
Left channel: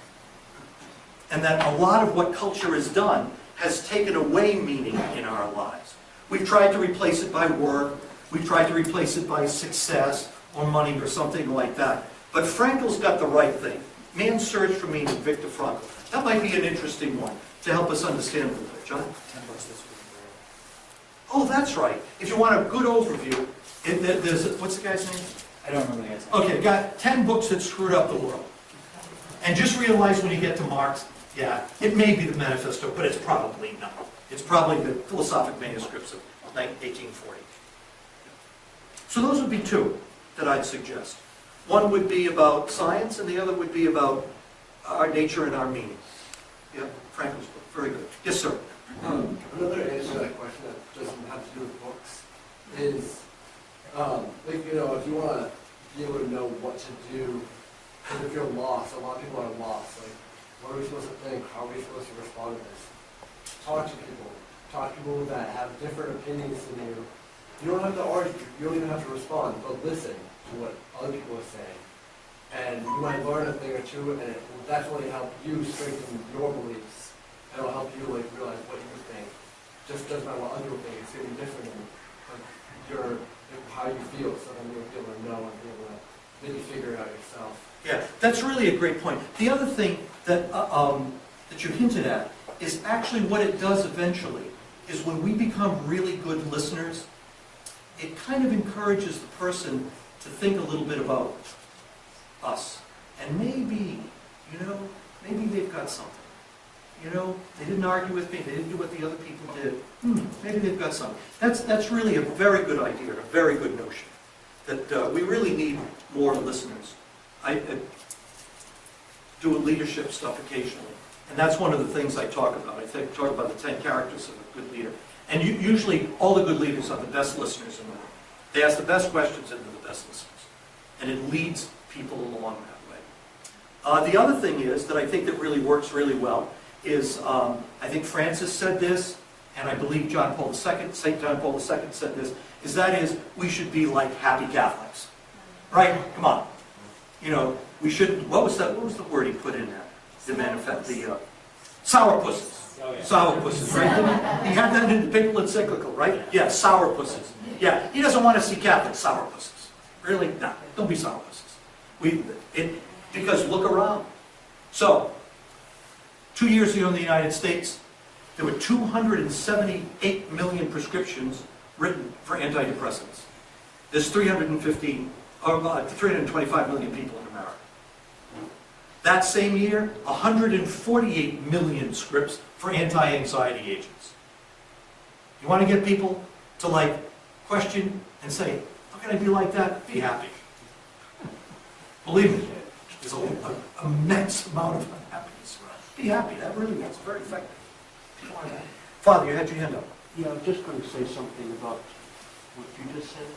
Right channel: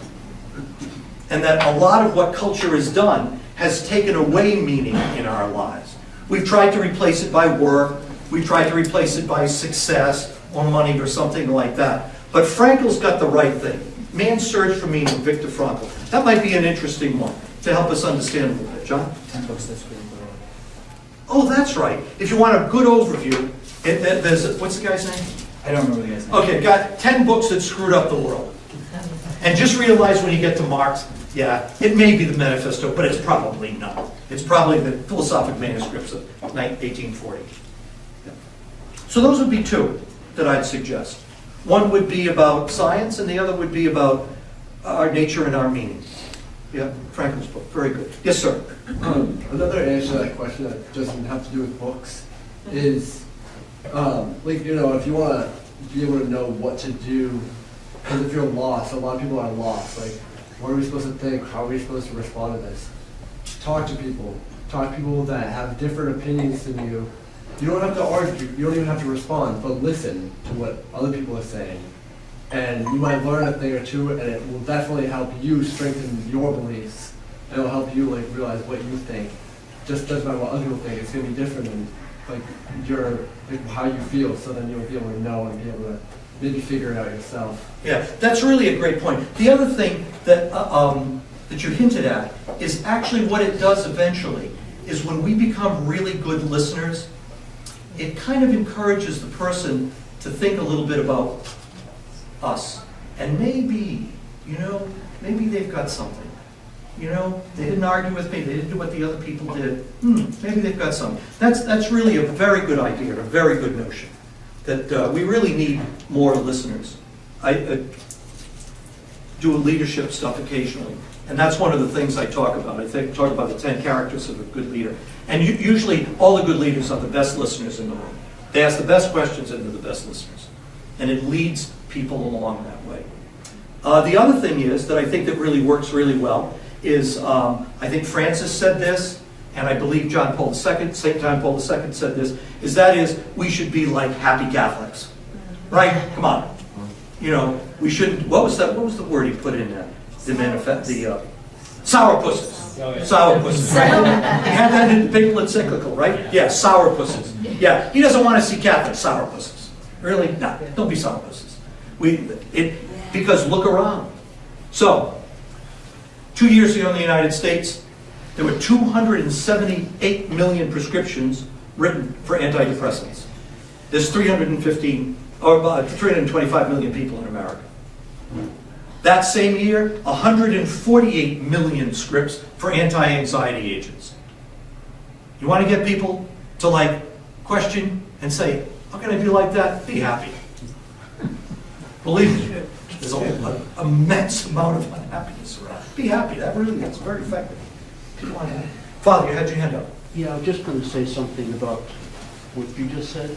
And that a lot of what culture has done has taken away meaning in our lives. We've tried to replace it by work, we've tried to replace it by success or money or something like that. But Frankl's got the right thing. Man's Search for Meaning, Viktor Frankl. That might be an interesting one to help us understand a little bit. John? 10 books that screwed the world. Oh, that's right. If you want a good overview, there's, what's the guy's name? I don't remember the guy's name. Okay, got 10 books that screwed up the world. And just realize when you get to Marx, yeah, it may be the Manifesto, but it's probably not. It's probably the philosophic manuscripts of 1840. Yeah. So those would be two that I'd suggest. One would be about science, and the other would be about our nature and our meaning. Yeah, Frankl's book, very good. Yes, sir. Another answer to that question that doesn't have to do with books is, like, you know, if you want to be able to know what to do, because if you're lost, a lot of people are lost. Like, what are we supposed to think? How are we supposed to respond to this? Talk to people. Talk to people that have different opinions than you. You don't have to argue. You don't even have to respond, but listen to what other people are saying. And you might learn a thing or two, and it will definitely help you strengthen your beliefs. It will help you like realize what you think. Just doesn't matter what other people think. It's gonna be different than like your like, how you feel. So then you'll be able to know and be able to maybe figure it out yourself. Yeah, that's really a great point. The other thing that that you hinted at is actually what it does eventually is when we become really good listeners, it kind of encourages the person to think a little bit about us. And maybe, you know, maybe they've got something. You know, they didn't argue with me, they didn't do what the other people did. Maybe they've got something. That's really a very good idea, and a very good notion. That we really need more listeners. I do leadership stuff occasionally, and that's one of the things I talk about. I talk about the 10 characters of a good leader. And usually, all the good leaders are the best listeners in the room. They ask the best questions and they're the best listeners. And it leads people along that way. The other thing is, that I think that really works really well, is I think Francis said this, and I believe St. John Paul II said this, is we should be like happy Catholics. Right? Come on. You know, we shouldn't, what was the word he put in there? The manifest, the sourpusses. Sourpusses. He had that in the papal encyclical, right? Yeah, sourpusses. Yeah, he doesn't want to see Catholic sourpusses. Really? No, don't be sourpusses. Because look around. So, 2 years ago in the United States, there were 278 million prescriptions written for antidepressants. There's 325 million people in America. That same year, 148 million scripts for anti-anxiety agents. You want to get people to like question and say, how can I be like that? Be happy. Believe me, there's an immense amount of unhappiness around. Be happy, that really is very effective. Father, you had your hand up. Yeah, I was just going to say something about what you just said.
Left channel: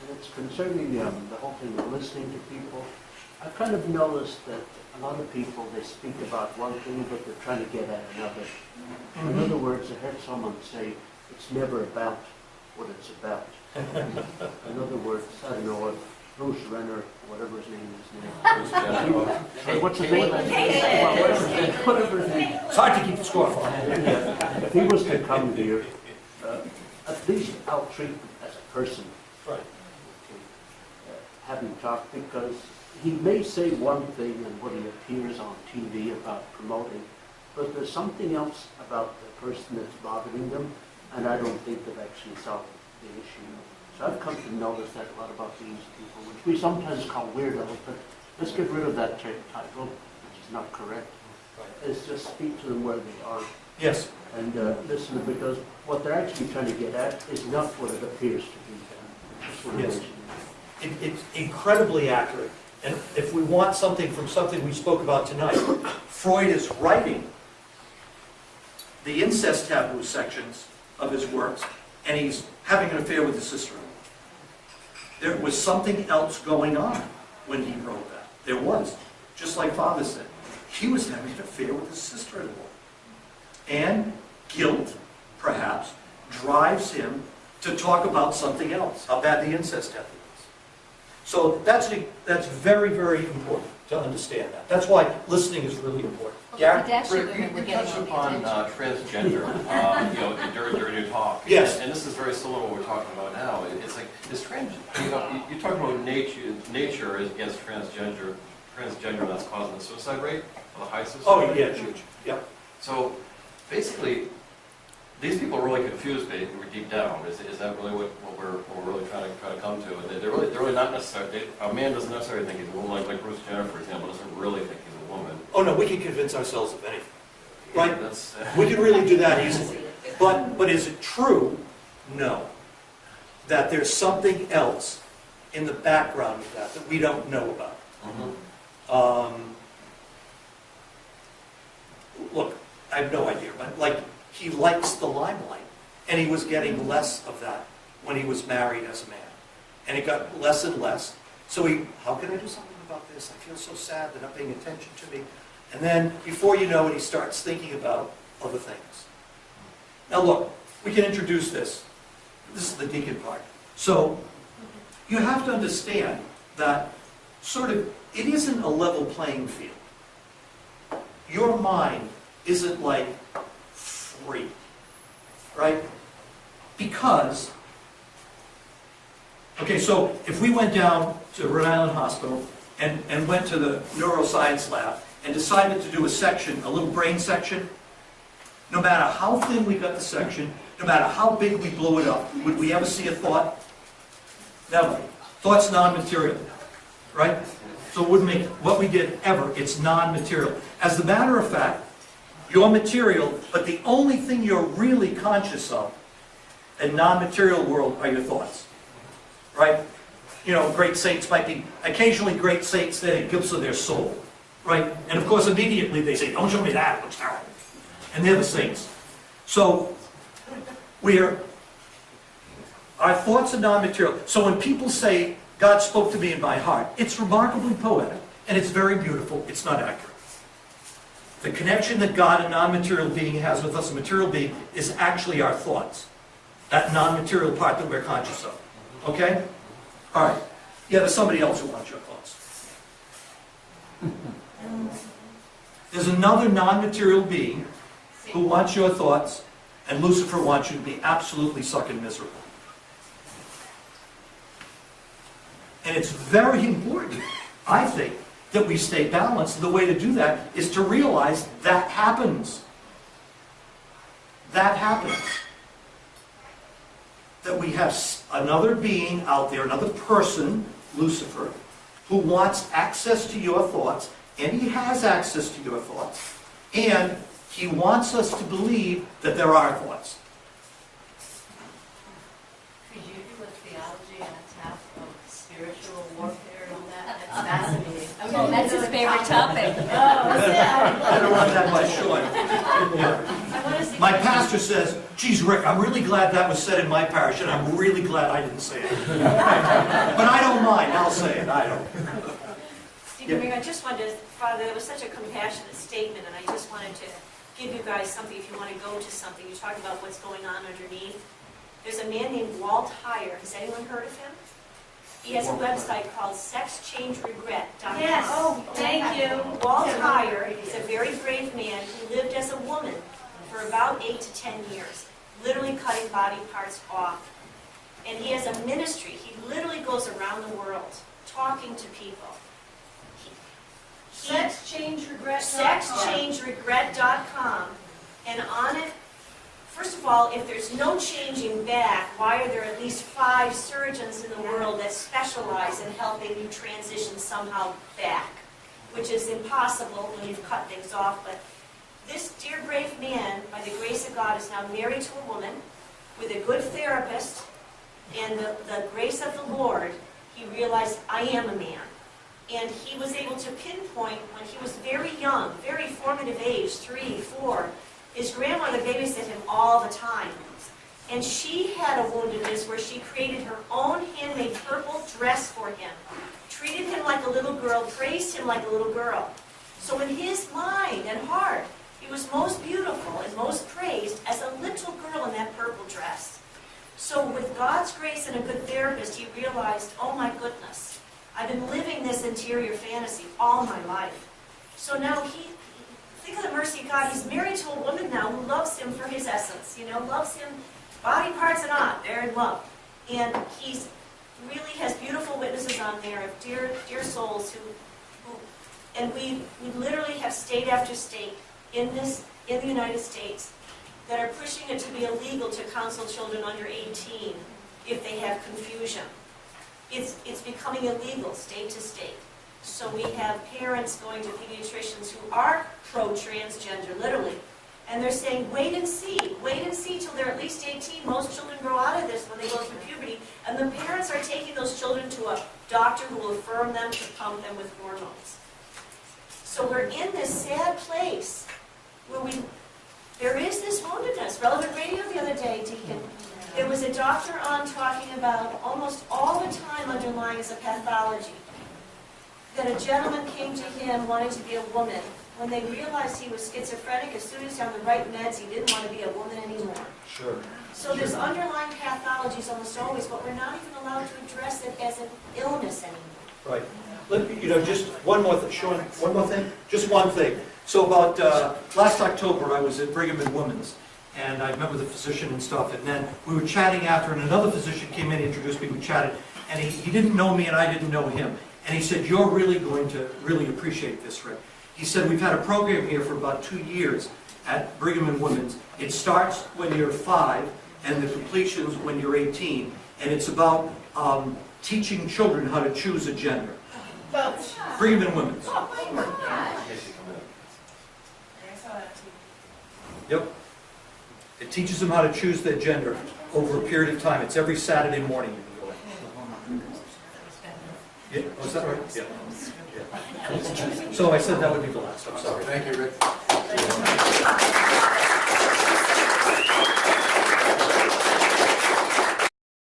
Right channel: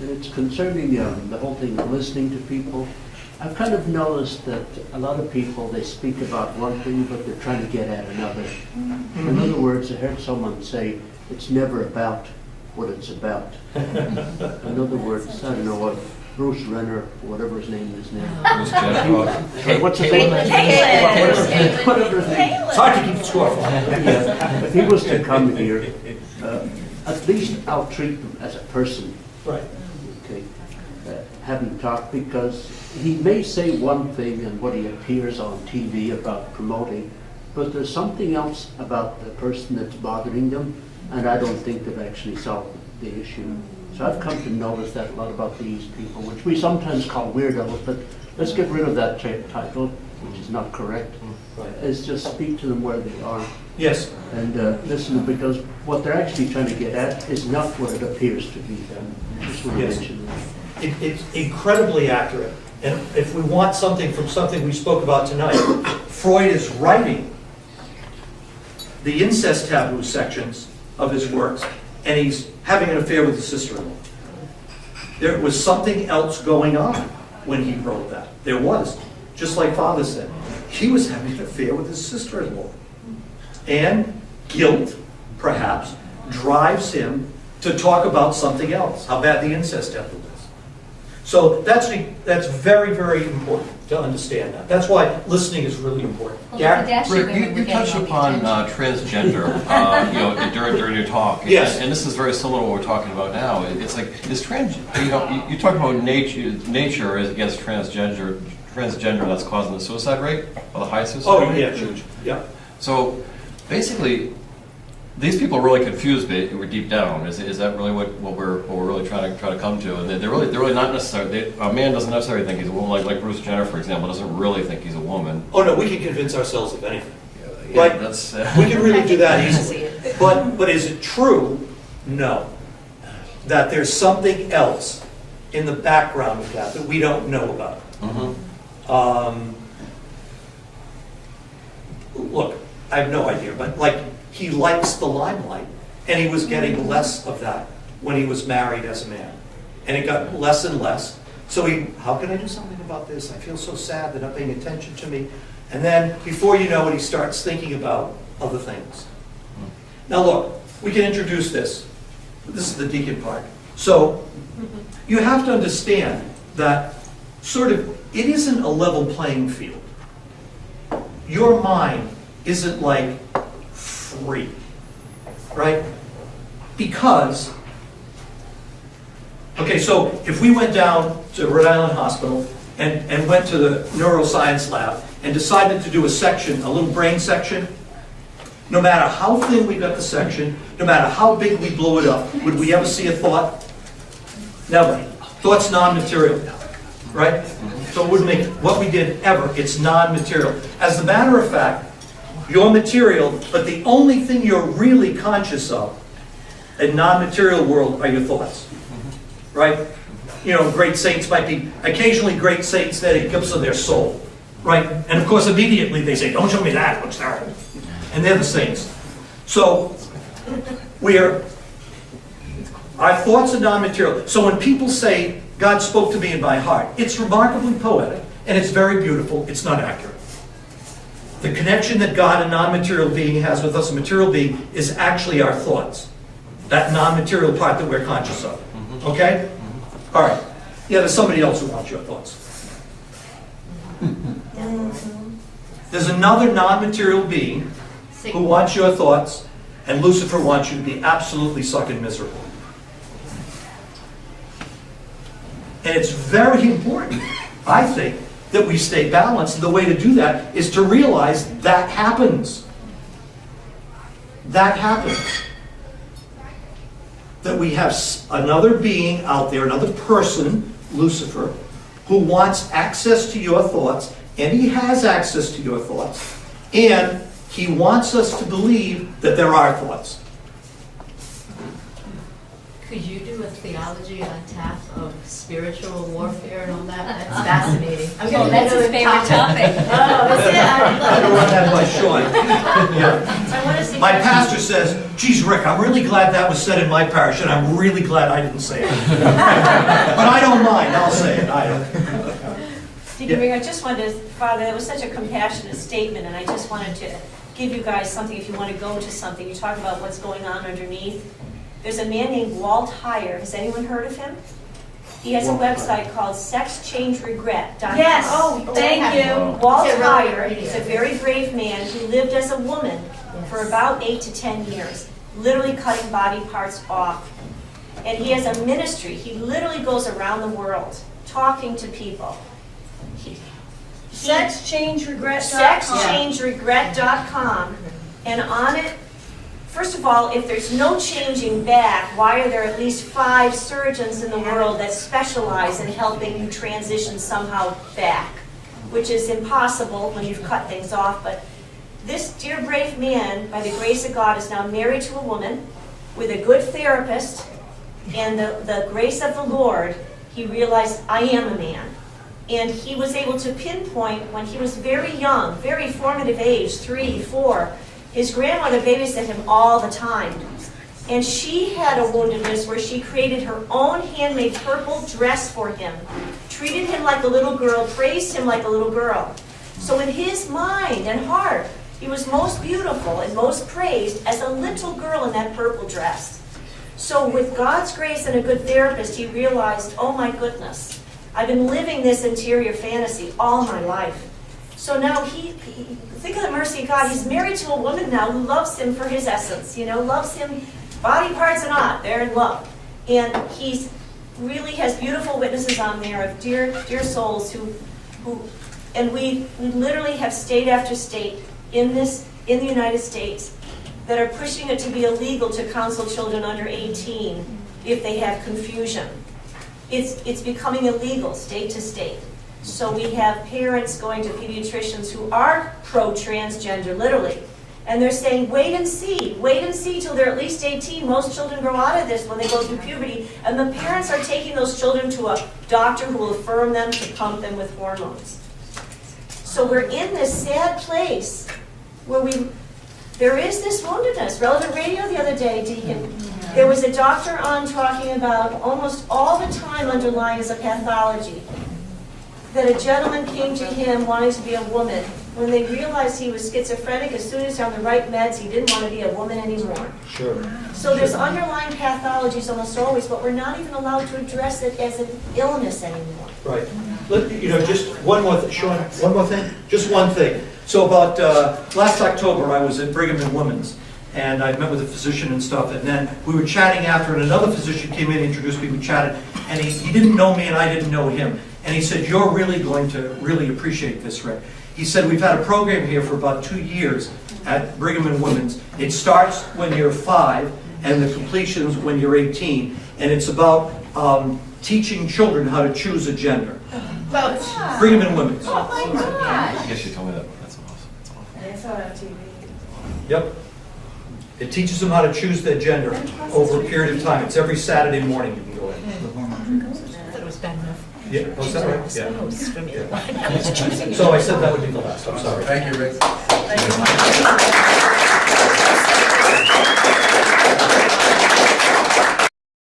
And it's concerning the whole thing of listening to people. I've kind of noticed that a lot of people, they speak about one thing, but they're trying to get at another. Mm-hmm. In other words, I heard someone say, it's never about what it's about. In other words, I don't know what Bruce Renner, whatever his name is now. What's his name? Whatever his name. It's hard to keep score for. If he was to come here, at least I'll treat him as a person. Right. Okay. Have him talk, because he may say one thing and what he appears on TV about promoting, but there's something else about the person that's bothering them, and I don't think they've actually solved the issue. So I've come to notice that a lot about these people, which we sometimes call weirdos, but let's get rid of that title, which is not correct. Right. Is just speak to them where they are. Yes. And listen, because what they're actually trying to get at is not what it appears to be. Just want to mention that. It's incredibly accurate. And if we want something from something we spoke about tonight, Freud is writing the incest taboo sections of his works, and he's having an affair with his sister-in-law. There was something else going on when he wrote that. There was, just like Father said. He was having an affair with his sister-in-law. And guilt, perhaps, drives him to talk about something else, how bad the incest taboo is. So that's very, very important to understand that. That's why listening is really important. Well, Gary? the Kardashian Rick, women were you getting touched all the upon attention. transgender, during your talk. Yes. And this is very similar to what we're talking about now. It's like, you talk about nature as against transgender, that's causing the suicide rate, or the high suicide Oh, rate. yeah, huge, yeah. So, basically, these people are really confused deep down. Is that really what we're really trying to come to? And they're really not necessarily. A man doesn't necessarily think he's a woman. Like Bruce Jenner, for example, doesn't really think he's a woman. Oh, no, we can convince ourselves of anything. Yeah, Right. That's. We can really do that easily. But is it true? No. That there's something else in the background of that we don't know about. Mm-hmm. Look, I have no idea, but like, he likes the limelight, and he was getting less of that when he was married as a man. And it got less and less. So how can I do something about this? I feel so sad, they're not paying attention to me. And then, before you know it, he starts thinking about other things. Now look, we can introduce this. This is the deacon part. So, you have to understand that it isn't a level playing field. Your mind isn't like free, right? Because, okay, so if we went down to Rhode Island Hospital and went to the neuroscience lab and decided to do a little brain section, no matter how thin we got the section, no matter how big we blew it up, would we ever see a thought? Never. Thought's non-material, right? So it wouldn't make what we did ever, it's non-material. As a matter of fact, you're material, but the only thing you're really conscious of in non-material world are your thoughts, right? You know, great saints might be, occasionally great saints that it gives of their soul, right? And of course immediately they say, don't show me that, it looks terrible. And they're the saints. So, our thoughts are non-material. So when people say, God spoke to me in my heart, it's remarkably poetic, and it's very beautiful, it's not accurate. The connection that God, a non-material being, has with us, a material being, is actually our thoughts. That non-material part that we're conscious of. Okay? All right. Yeah, there's somebody else who wants your thoughts. There's another non-material being who wants your thoughts, and Lucifer wants you to be absolutely sucking miserable. And it's very important, I think, that we stay balanced. And the way to do that is to realize that happens. That happens. That we have another being out there, another person, Lucifer, who wants access to your thoughts, and he has access to your thoughts, and he wants us to believe that there are thoughts. Could you do a theology on tap of spiritual warfare and all that? That's fascinating. Oh, that's his favorite topic. Oh, yeah. I'm going to run that by Sean. Yeah. I want to see. My pastor says, geez, Rick, I'm really glad that was said in my parish, and I'm really glad I didn't say it. But I don't mind, I'll say it, I don't. Deacon Varieur, I just wanted to, Father, that was such a compassionate statement, and I just wanted to give you guys something if you want to go to something. You talk about what's going on underneath. There's a man named Walt Heyer. Has anyone heard of him? He has a website called sexchangeregret.com. Yes, thank you. Walt Heyer is a very brave man who lived as a woman for about 8 to 10 years, literally cutting body parts off. And he has a ministry. He literally goes around the world talking to people. Sexchangeregret.com. And on it, first of all, if there's no changing back, why are there at least 5 surgeons in the world that specialize in helping you transition somehow back? Which is impossible when you've cut things off. But this dear brave man, by the grace of God, is now married to a woman with a good therapist, and the grace of the Lord, he realized, I am a man. And he was able to pinpoint when he was very young, very formative age, 3, 4, his grandmother babysat him all the time. And she had a woundedness where she created her own handmade purple dress for him, treated him like a little girl, praised him like a little girl. So in his mind and heart, he was most beautiful and most praised as a little girl in that purple dress. So with God's grace and a good therapist, he realized, oh my goodness, I've been living this interior fantasy all my life. So now think of the mercy of God. He's married to a woman now who loves him for his essence, loves him, body parts and not, they're in love. And he's really has beautiful witnesses on there of dear souls who and we literally have state after state in the United States that are pushing it to be illegal to counsel children under 18 if they have confusion. It's becoming illegal state to state. So we have parents going to pediatricians who are pro-transgender, literally, and they're saying, wait and see till they're at least 18. Most children grow out of this when they go through puberty, and the parents are taking those children to a doctor who will affirm them to pump them with hormones. So we're in this sad place where there is this woundedness. Relevant Radio the other day, Deacon, there was a doctor on talking about almost all the time underlying as a pathology, that a gentleman came to him wanting to be a woman. When they realized he was schizophrenic, as soon as he's on the right meds, he didn't want to be a woman anymore. Sure. So there's underlying pathologies almost always, but we're not even allowed to address it as an illness anymore. Right. Just one more thing, Sean, one more thing? Just one thing. So about last October, I was at Brigham and Women's, and I met with a physician and stuff, and then we were chatting after, and another physician came in, introduced me, we chatted, and he didn't know me and I didn't know him. And he said, you're really going to really appreciate this, Rick. He said, we've had a program here for about 2 years at Brigham and Women's. It starts when you're 5, and the completion's when you're 18, and it's about teaching children how to choose a gender. Brigham and Women's. Oh my God. Yes, you told me that. That's awesome. I saw that on TV. Yep. It teaches them how to choose their gender over a period of time. It's every Saturday morning you can go in. Yeah, oh, is that right? Yeah. So I said that would be the last, I'm sorry. Thank you, Rick. Thank you.